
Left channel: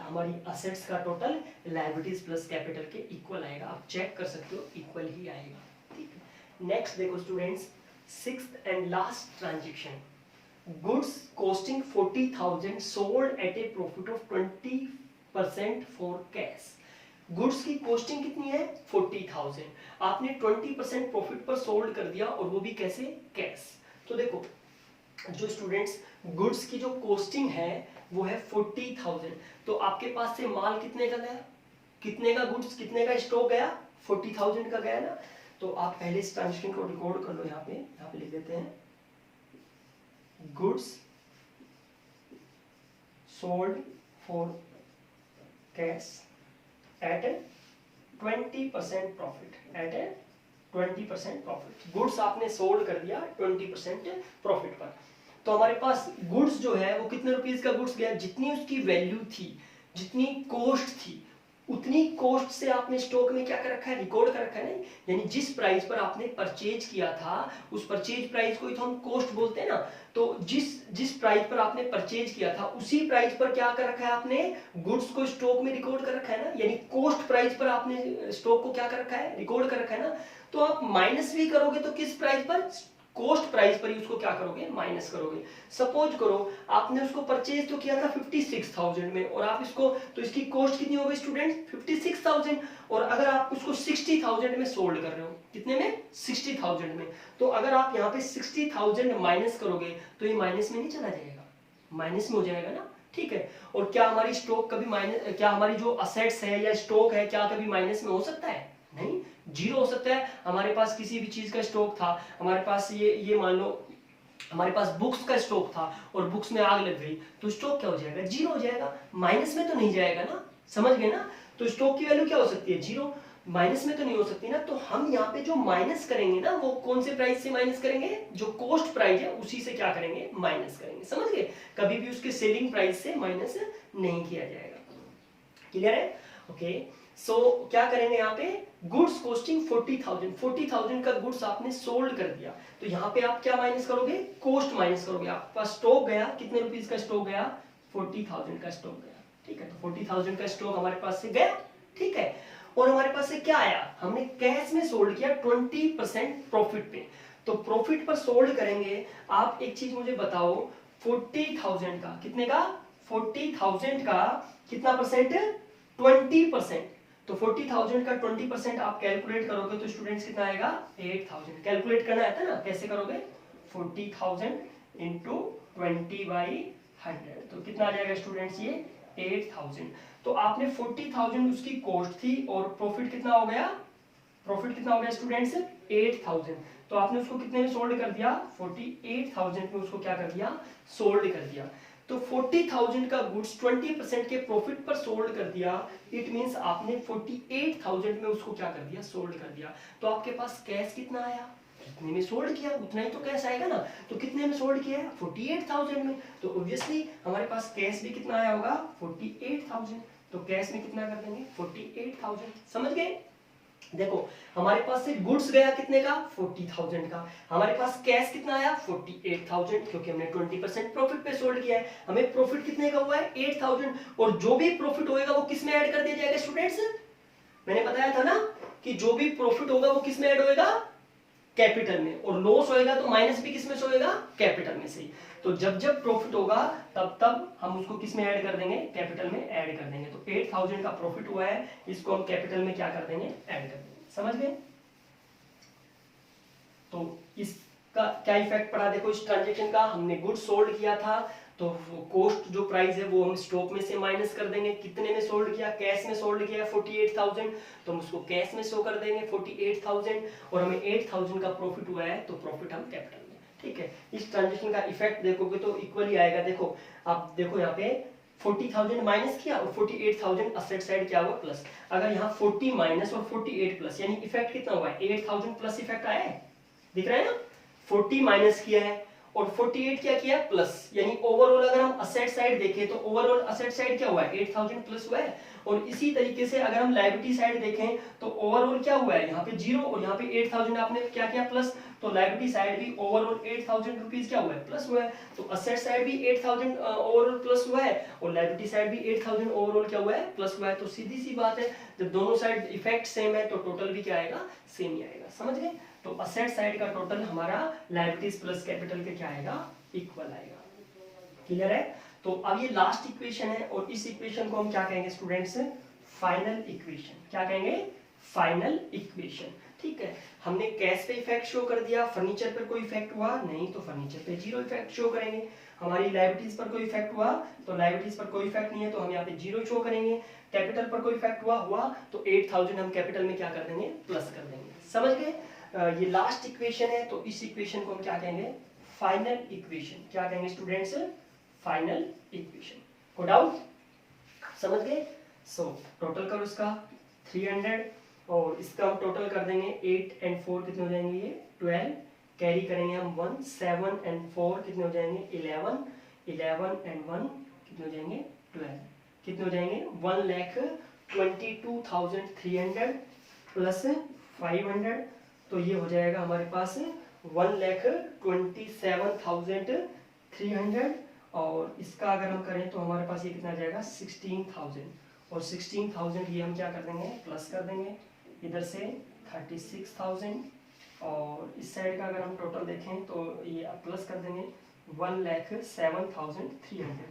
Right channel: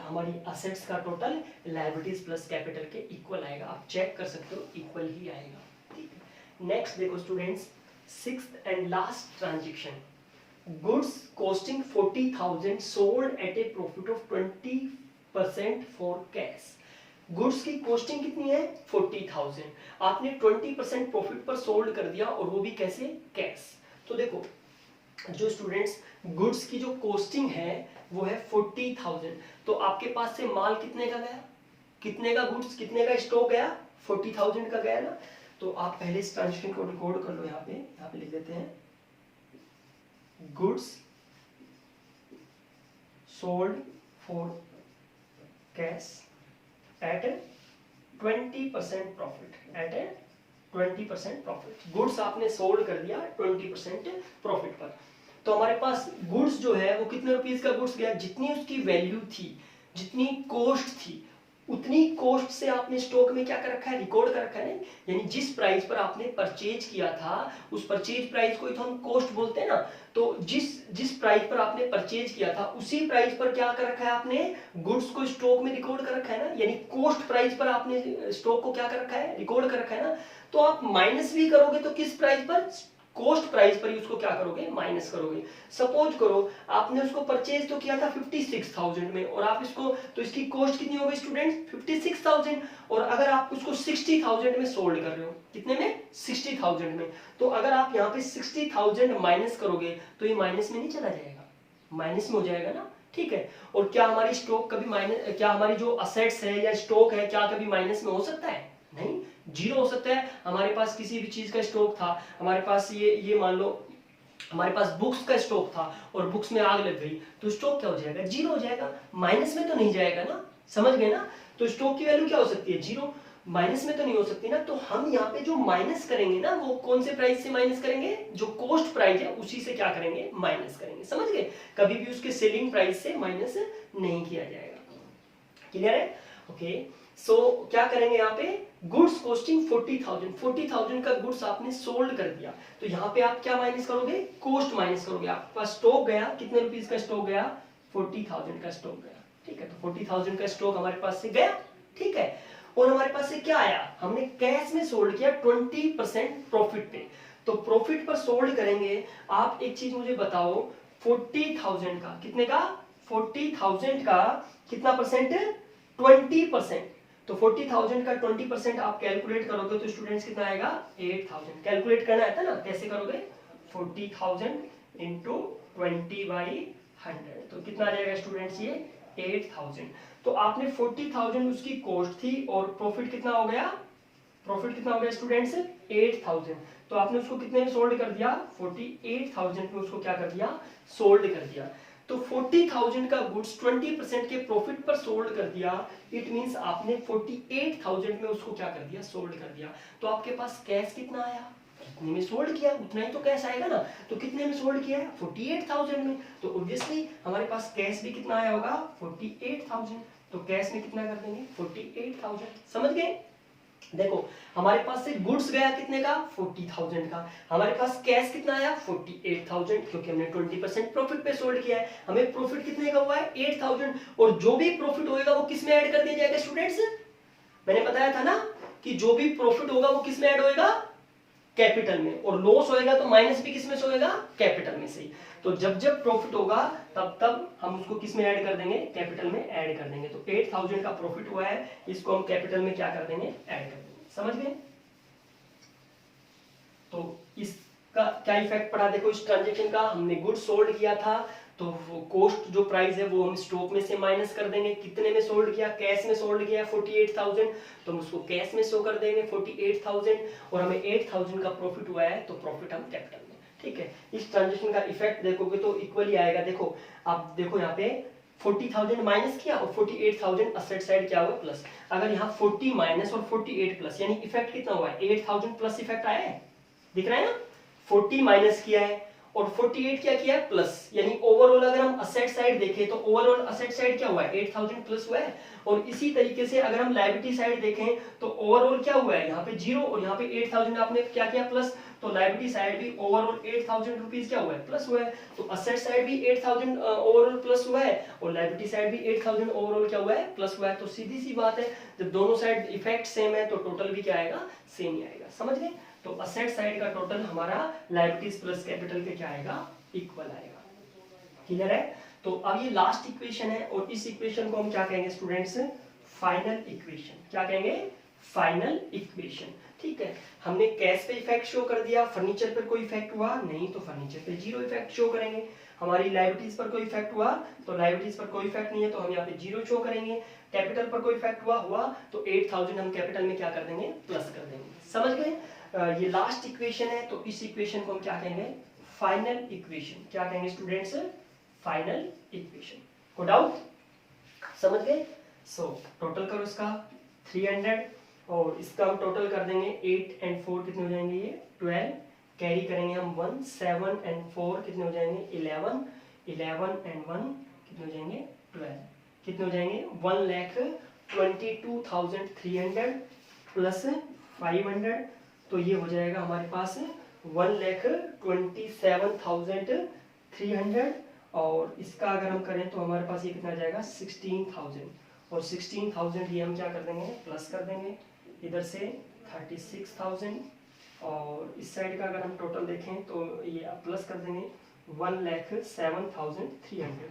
हमारी असेट्स का टोटल लायबिलिटीज प्लस कैपिटल के इक्वल आएगा। आप चेक कर सकते हो, इक्वल ही आएगा। ठीक है, नेक्स्ट देखो students, sixth and last transaction, goods costing 40,000 sold at A profit of 20% for cash. Goods की कॉस्टिंग कितनी है, 40,000, आपने 20% प्रॉफिट पर सोल्ड कर दिया, और वो भी कैसे, कैश। तो देखो जो स्टूडेंट्स गुड्स की जो कॉस्टिंग है वो है 40,000, तो आपके पास से माल कितने का गया, कितने का गुड्स, कितने का स्टॉक गया, 40,000 का गया ना। तो आप पहले इस ट्रांजेक्शन को रिकॉर्ड कर लो, यहाँ पे लिख देते हैं, goods sold for cash at 20% profit, at 20% profit. Goods आपने सोल्ड कर दिया 20% प्रॉफिट पर। तो हमारे पास गुड्स जो है वो कितने रुपीस का गुड्स गया, जितनी उसकी वैल्यू थी, जितनी कॉस्ट थी, उतनी कॉस्ट से आपने स्टॉक में क्या कर रखा है, रिकॉर्ड कर रखा है। यानी जिस प्राइस पर आपने परचेज किया था, उस परचेज प्राइस को ही तो हम कॉस्ट बोलते हैं ना। तो जिस प्राइस पर आपने परचेज किया था उसी प्राइस पर क्या कर रखा है आपने, गुड्स को स्टॉक में रिकॉर्ड कर रखा है ना। यानी कॉस्ट प्राइस पर आपने स्टॉक को क्या कर रखा है, रिकॉर्ड कर रखा है ना। तो आप माइनस भी करोगे तो किस प्राइस पर, कॉस्ट प्राइस पर ही उसको क्या करोगे, माइनस करोगे। सपोज करो आपने उसको परचेज तो किया था 56,000 में, और आप इसको, तो इसकी कॉस्ट कितनी हो गई स्टूडेंट, 56,000, और अगर आप उसको 60,000 में सोल्ड कर रहे हो, कितने में, 60,000 में, तो अगर आप यहाँ पे 60,000 माइनस करोगे तो ये माइनस में नहीं चला जाएगा, माइनस में हो जाएगा ना। ठीक है, और क्या हमारी स्टॉक कभी माइनस, क्या हमारी जो असेट्स है या स्टॉक है क्या कभी माइनस में हो सकता है, नहीं। जीरो हो सकता है, हमारे पास किसी भी चीज का स्टॉक था, हमारे पास ये मान लो हमारे पास बुक्स का स्टॉक था और बुक्स में आग लग गई, तो स्टॉक क्या हो जाएगा, जीरो हो जाएगा, माइनस में तो नहीं जाएगा ना, समझ गए ना। तो स्टॉक की वैल्यू क्या हो सकती है, जीरो, माइनस में तो नहीं हो सकती ना। तो हम यहाँ पे जो माइनस करेंगे ना, वो कौन से प्राइस से माइनस करेंगे, जो कॉस्ट प्राइस है उसी से क्या करेंगे, माइनस करेंगे, समझ गए। कभी भी उसके सेलिंग प्राइस से माइनस नहीं किया जाएगा, क्लियर है। ओके, सो क्या करेंगे यहाँ पे, गुड्स कॉस्टिंग 40,000 का गुड्स आपने सोल्ड कर दिया, तो यहाँ पे आप क्या माइनस करोगे, कॉस्ट माइनस करोगे। आपके पास स्टॉक गया, कितने रुपीस का स्टॉक गया, 40,000 का स्टॉक गया, ठीक है। तो 40,000 का स्टॉक हमारे पास से गया, ठीक है। और हमारे पास से क्या आया, हमने कैश में सोल्ड किया 20% प्रॉफिट पे। तो प्रॉफिट पर सोल्ड करेंगे। आप एक चीज मुझे बताओ, 40,000 का कितने का, 40,000 का कितना परसेंट, 20%। तो 40,000 का 20% आप कैलकुलेट करोगे तो स्टूडेंट्स कितना आएगा, 8,000। कैलकुलेट करना आता है ना, कैसे करोगे, 40,000 इंटू 20/100, तो कितना आ जाएगा स्टूडेंट्स, ये 8,000। तो आपने 40,000 उसकी कॉस्ट थी और प्रॉफिट कितना हो गया, प्रॉफिट कितना हो गया स्टूडेंट्स, 8,000। तो आपने उसको कितने में सोल्ड कर दिया, 48,000 में उसको क्या कर दिया, सोल्ड कर दिया। तो 40,000 का गुड्स 20% के प्रॉफिट पर सोल्ड कर दिया, इट मींस आपने 48,000 में उसको क्या कर दिया, सोल्ड कर दिया। तो आपके पास कैश कितना आया, जितने में सोल्ड किया उतना ही तो कैश आएगा ना। तो कितने में सोल्ड किया है, 48,000 में, तो ऑब्वियसली हमारे पास कैश भी कितना आया होगा, 48,000। तो कैश में कितना कर देंगे, 48,000, समझ गए। देखो हमारे पास से गुड्स गया कितने का, 40,000 का, हमारे पास कैश कितना आया, 48,000, क्योंकि हमने 20% प्रॉफिट पे सोल्ड किया है। हमें प्रॉफिट कितने का हुआ है, 8,000, और जो भी प्रॉफिट होएगा वो किस में ऐड कर दिया जाएगा स्टूडेंट्स, मैंने बताया था ना कि जो भी प्रॉफिट होगा वो किस में ऐड होएगा, कैपिटल में, और लॉस होएगा तो माइनस भी किस में से होएगा, कैपिटल में से। तो जब जब प्रॉफिट होगा तब तब हम उसको किस में ऐड कर देंगे, कैपिटल में ऐड कर देंगे। तो 8,000 का प्रॉफिट हुआ है, इसको हम कैपिटल में क्या कर देंगे, ऐड कर देंगे, समझ गए। तो इसका क्या इफेक्ट पड़ा, देखो इस ट्रांजेक्शन का, हमने गुड सोल्ड किया था, तो वो कॉस्ट जो प्राइस है वो हम स्टॉक में से माइनस कर देंगे। कितने में सोल्ड किया, कैश में सोल्ड किया 48,000, तो हम उसको कैश में शो कर देंगे 48,000, और हमें 8,000 का प्रॉफिट हुआ है, तो प्रॉफिट हम कैपिटल में, ठीक है। इस ट्रांजेक्शन का इफेक्ट देखोगे तो इक्वली आएगा। देखो आप देखो यहाँ पे 40,000 माइनस किया और 48,000 असेट साइड क्या हुआ, प्लस। अगर यहाँ 40 माइनस और 48 प्लस, यानी इफेक्ट कितना हुआ है, 8,000 प्लस इफेक्ट आया है, दिख रहा है ना। 40 माइनस किया है और 48 क्या किया है, प्लस, यानी ओवरऑल अगर हम असेट साइड देखें तो ओवरऑल असेट साइड क्या हुआ है, 8,000 प्लस हुआ है। और इसी तरीके से अगर हम लायबिलिटी साइड देखें तो ओवरऑल क्या हुआ है, यहाँ पे जीरो और यहाँ पे 8,000 आपने क्या किया, प्लस। तो लायबिलिटी साइड भी ओवरऑल 8,000 रुपीज क्या हुआ है, प्लस हुआ है। तो असेट साइड भी 8,000 ओवरऑल प्लस हुआ है और लायबिलिटी साइड भी 8,000 ओवरऑल क्या हुआ है, प्लस हुआ है। तो सीधी सी बात है, जब दोनों साइड इफेक्ट सेम है तो टोटल भी क्या आएगा, सेम ही आएगा, समझ गए। तो असेट साइड का टोटल हमारा लायबिलिटीज प्लस कैपिटल के क्या आएगा, इक्वल आएगा, क्लियर है। तो अब ये लास्ट इक्वेशन है और इस इक्वेशन को हम क्या कहेंगे स्टूडेंट्स, फाइनल इक्वेशन। क्या कहेंगे, फाइनल इक्वेशन, ठीक है। हमने कैश पे इफेक्ट शो कर दिया, फर्नीचर पर कोई इफेक्ट हुआ नहीं तो फर्नीचर पे जीरो इफेक्ट शो करेंगे। हमारी लायबिलिटीज पर कोई इफेक्ट हुआ तो लायबिलिटीज पर कोई इफेक्ट नहीं है तो हम यहाँ पे जीरो शो करेंगे। कैपिटल पर कोई इफेक्ट हुआ तो 8,000 हम कैपिटल में क्या कर देंगे, प्लस कर देंगे, समझ गए। ये लास्ट इक्वेशन है तो इस इक्वेशन को हम क्या कहेंगे, फाइनल इक्वेशन। क्या कहेंगे स्टूडेंट्स, फाइनल इक्वेशन। को डाउट, समझ गए। सो टोटल करो इसका 300 और इसका हम टोटल कर देंगे 8 और 4 कितने हो जाएंगे, ये 12, कैरी करेंगे हम 1, 7 और 4 कितने हो जाएंगे, 11, 11 और 1 कितने हो जाएंगे, 12, कितने हो जाएंगे, 1,22,300 प्लस 500, तो ये हो जाएगा हमारे पास 1,27,300, और इसका अगर हम करें तो हमारे पास ये कितना आ जाएगा 16,000, और 16,000 ये हम क्या कर देंगे, प्लस कर देंगे इधर से 36,000, और इस साइड का अगर हम टोटल देखें तो ये प्लस कर देंगे 1,07,300,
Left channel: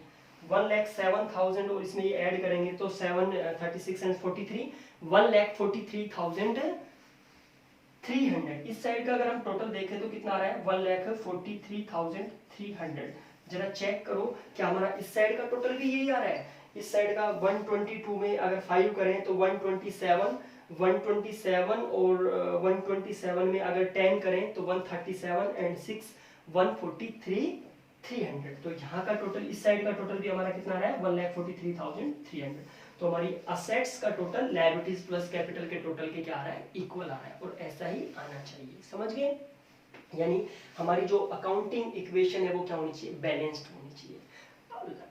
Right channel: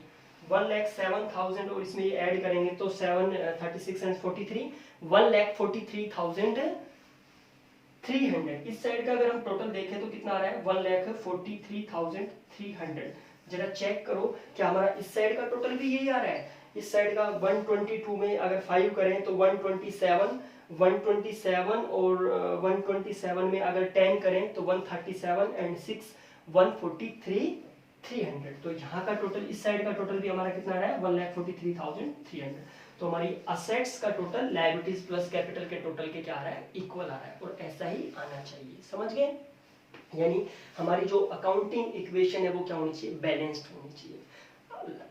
1,07,000, और इसमें ये ऐड करेंगे तो 7, 36 एंड 43, 1,43,300। इस साइड का अगर हम टोटल देखें तो कितना आ रहा है, 1,43,300। जरा चेक करो क्या हमारा इस साइड का टोटल भी यही आ रहा है। इस साइड का 122 में अगर 5 करें तो 127, 127 और 127 में अगर 10 करें तो 137 एंड 6 143 300। तो यहाँ का टोटल, इस साइड का टोटल भी हमारा कितना आ रहा है 1,43,300। तो हमारी असेट्स का टोटल लायबिलिटीज प्लस कैपिटल के टोटल के क्या आ रहा है, इक्वल आ रहा है, और ऐसा ही आना चाहिए। समझ गए? यानी हमारी जो अकाउंटिंग इक्वेशन है वो क्या होनी चाहिए, बैलेंस्ड होनी चाहिए।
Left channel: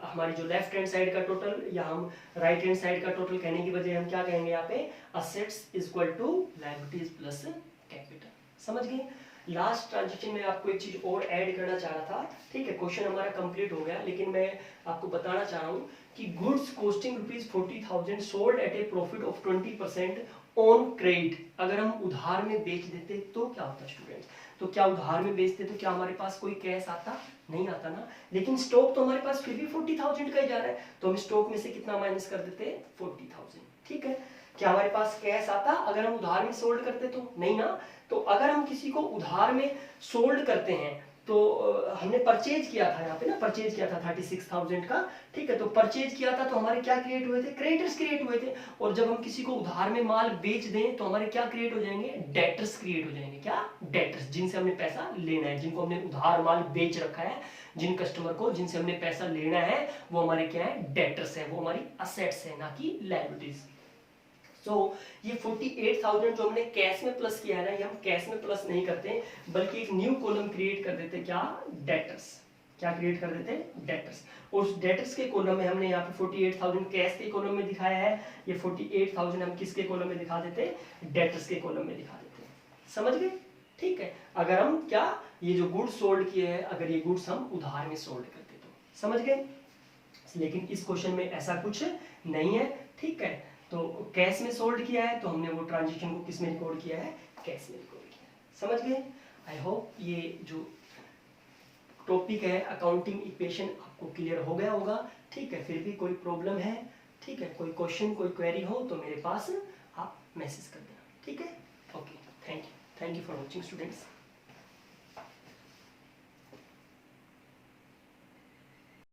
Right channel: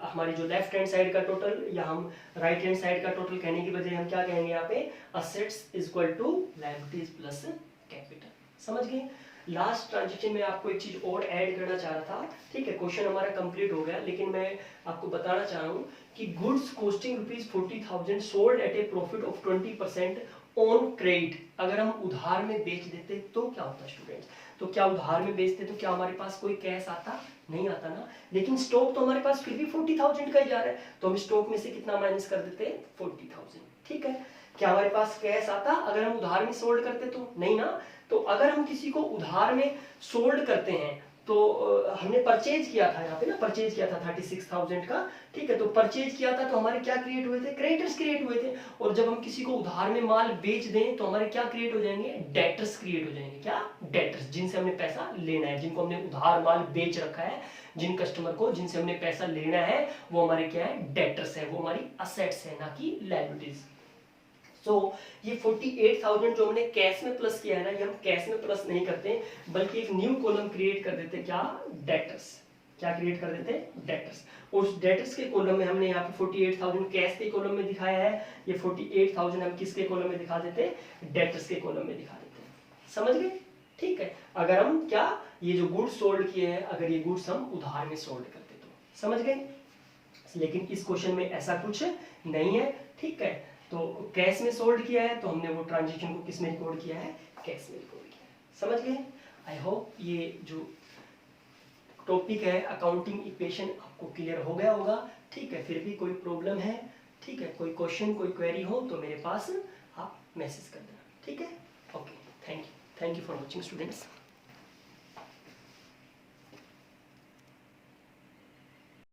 हमारी जो लेफ्ट हैंड साइड का टोटल या हम राइट हैंड साइड का टोटल कहने की बजाय हम क्या कहेंगे यहाँ पे, assets equal to liabilities plus capital. समझ गए? लास्ट ट्रांजेक्शन में आपको एक चीज और ऐड करना चाह रहा था, ठीक है, क्वेश्चन हमारा कंप्लीट हो गया, लेकिन मैं आपको बताना चाह रहा हूँ कि goods costing ₹40,000 sold at A profit of 20% on credit, अगर हम उधार में बेच देते तो क्या होता स्टूडेंट्स? तो क्या उधार में बेचते तो क्या हमारे पास कोई कैश आता? नहीं आता ना। लेकिन स्टॉक तो हमारे पास फिर भी 40,000 का ही जा रहा है, तो हम स्टॉक में से कितना माइनस कर देते हैं, 40,000। ठीक है, क्या हमारे पास कैश आता अगर हम उधार में सोल्ड करते तो? नहीं ना। तो अगर हम किसी को उधार में सोल्ड करते हैं तो हमने परचेज किया था, यहाँ पे ना परचेज किया था 36,000 का, ठीक है, तो परचेज किया था तो हमारे क्या क्रिएट हुए थे, क्रेडिटर्स क्रिएट हुए थे। और जब हम किसी को उधार में माल बेच दें तो हमारे क्या क्रिएट हो जाएंगे, डेटर्स क्रिएट हो जाएंगे। क्या? डेटर्स, जिनसे हमने पैसा लेना है, जिनको हमने उधार माल बेच रखा है, जिन कस्टमर को जिनसे हमने पैसा लेना है वो हमारे क्या है, डेटर्स है, वो हमारी असेट्स है, ना कि लायबिलिटीज। सो ये 48,000 जो हमने कैश में प्लस किया है ना, ये हम कैश में प्लस नहीं करते बल्कि एक न्यू कॉलम क्रिएट कर देते, क्या, डेटर्स। क्या क्रिएट कर देते, डेटर्स। उस डेटर्स के कॉलम में हमने यहाँ पे 48,000 कैश के कॉलम में दिखाया है, ये 48,000 हम किसके कॉलम में दिखा देते, डेटर्स के कॉलम में दिखा देते। समझ गए? ठीक है, अगर हम क्या, ये जो गुड्स सोल्ड किए हैं, अगर ये गुड्स हम उधार में सोल्ड करते तो। समझ गए? लेकिन इस क्वेश्चन में ऐसा कुछ नहीं है। ठीक है, तो कैश में सोल्ड किया है तो हमने वो ट्रांजेक्शन को किस में रिकॉर्ड किया है, कैश में रिकॉर्ड किया है। समझ गए? आई होप ये जो टॉपिक है अकाउंटिंग इक्वेशन आपको क्लियर हो गया होगा। ठीक है, फिर भी कोई प्रॉब्लम है, ठीक है, कोई क्वेश्चन कोई क्वेरी हो तो मेरे पास आप मैसेज कर देना। ठीक है, okay, thank you for watching students.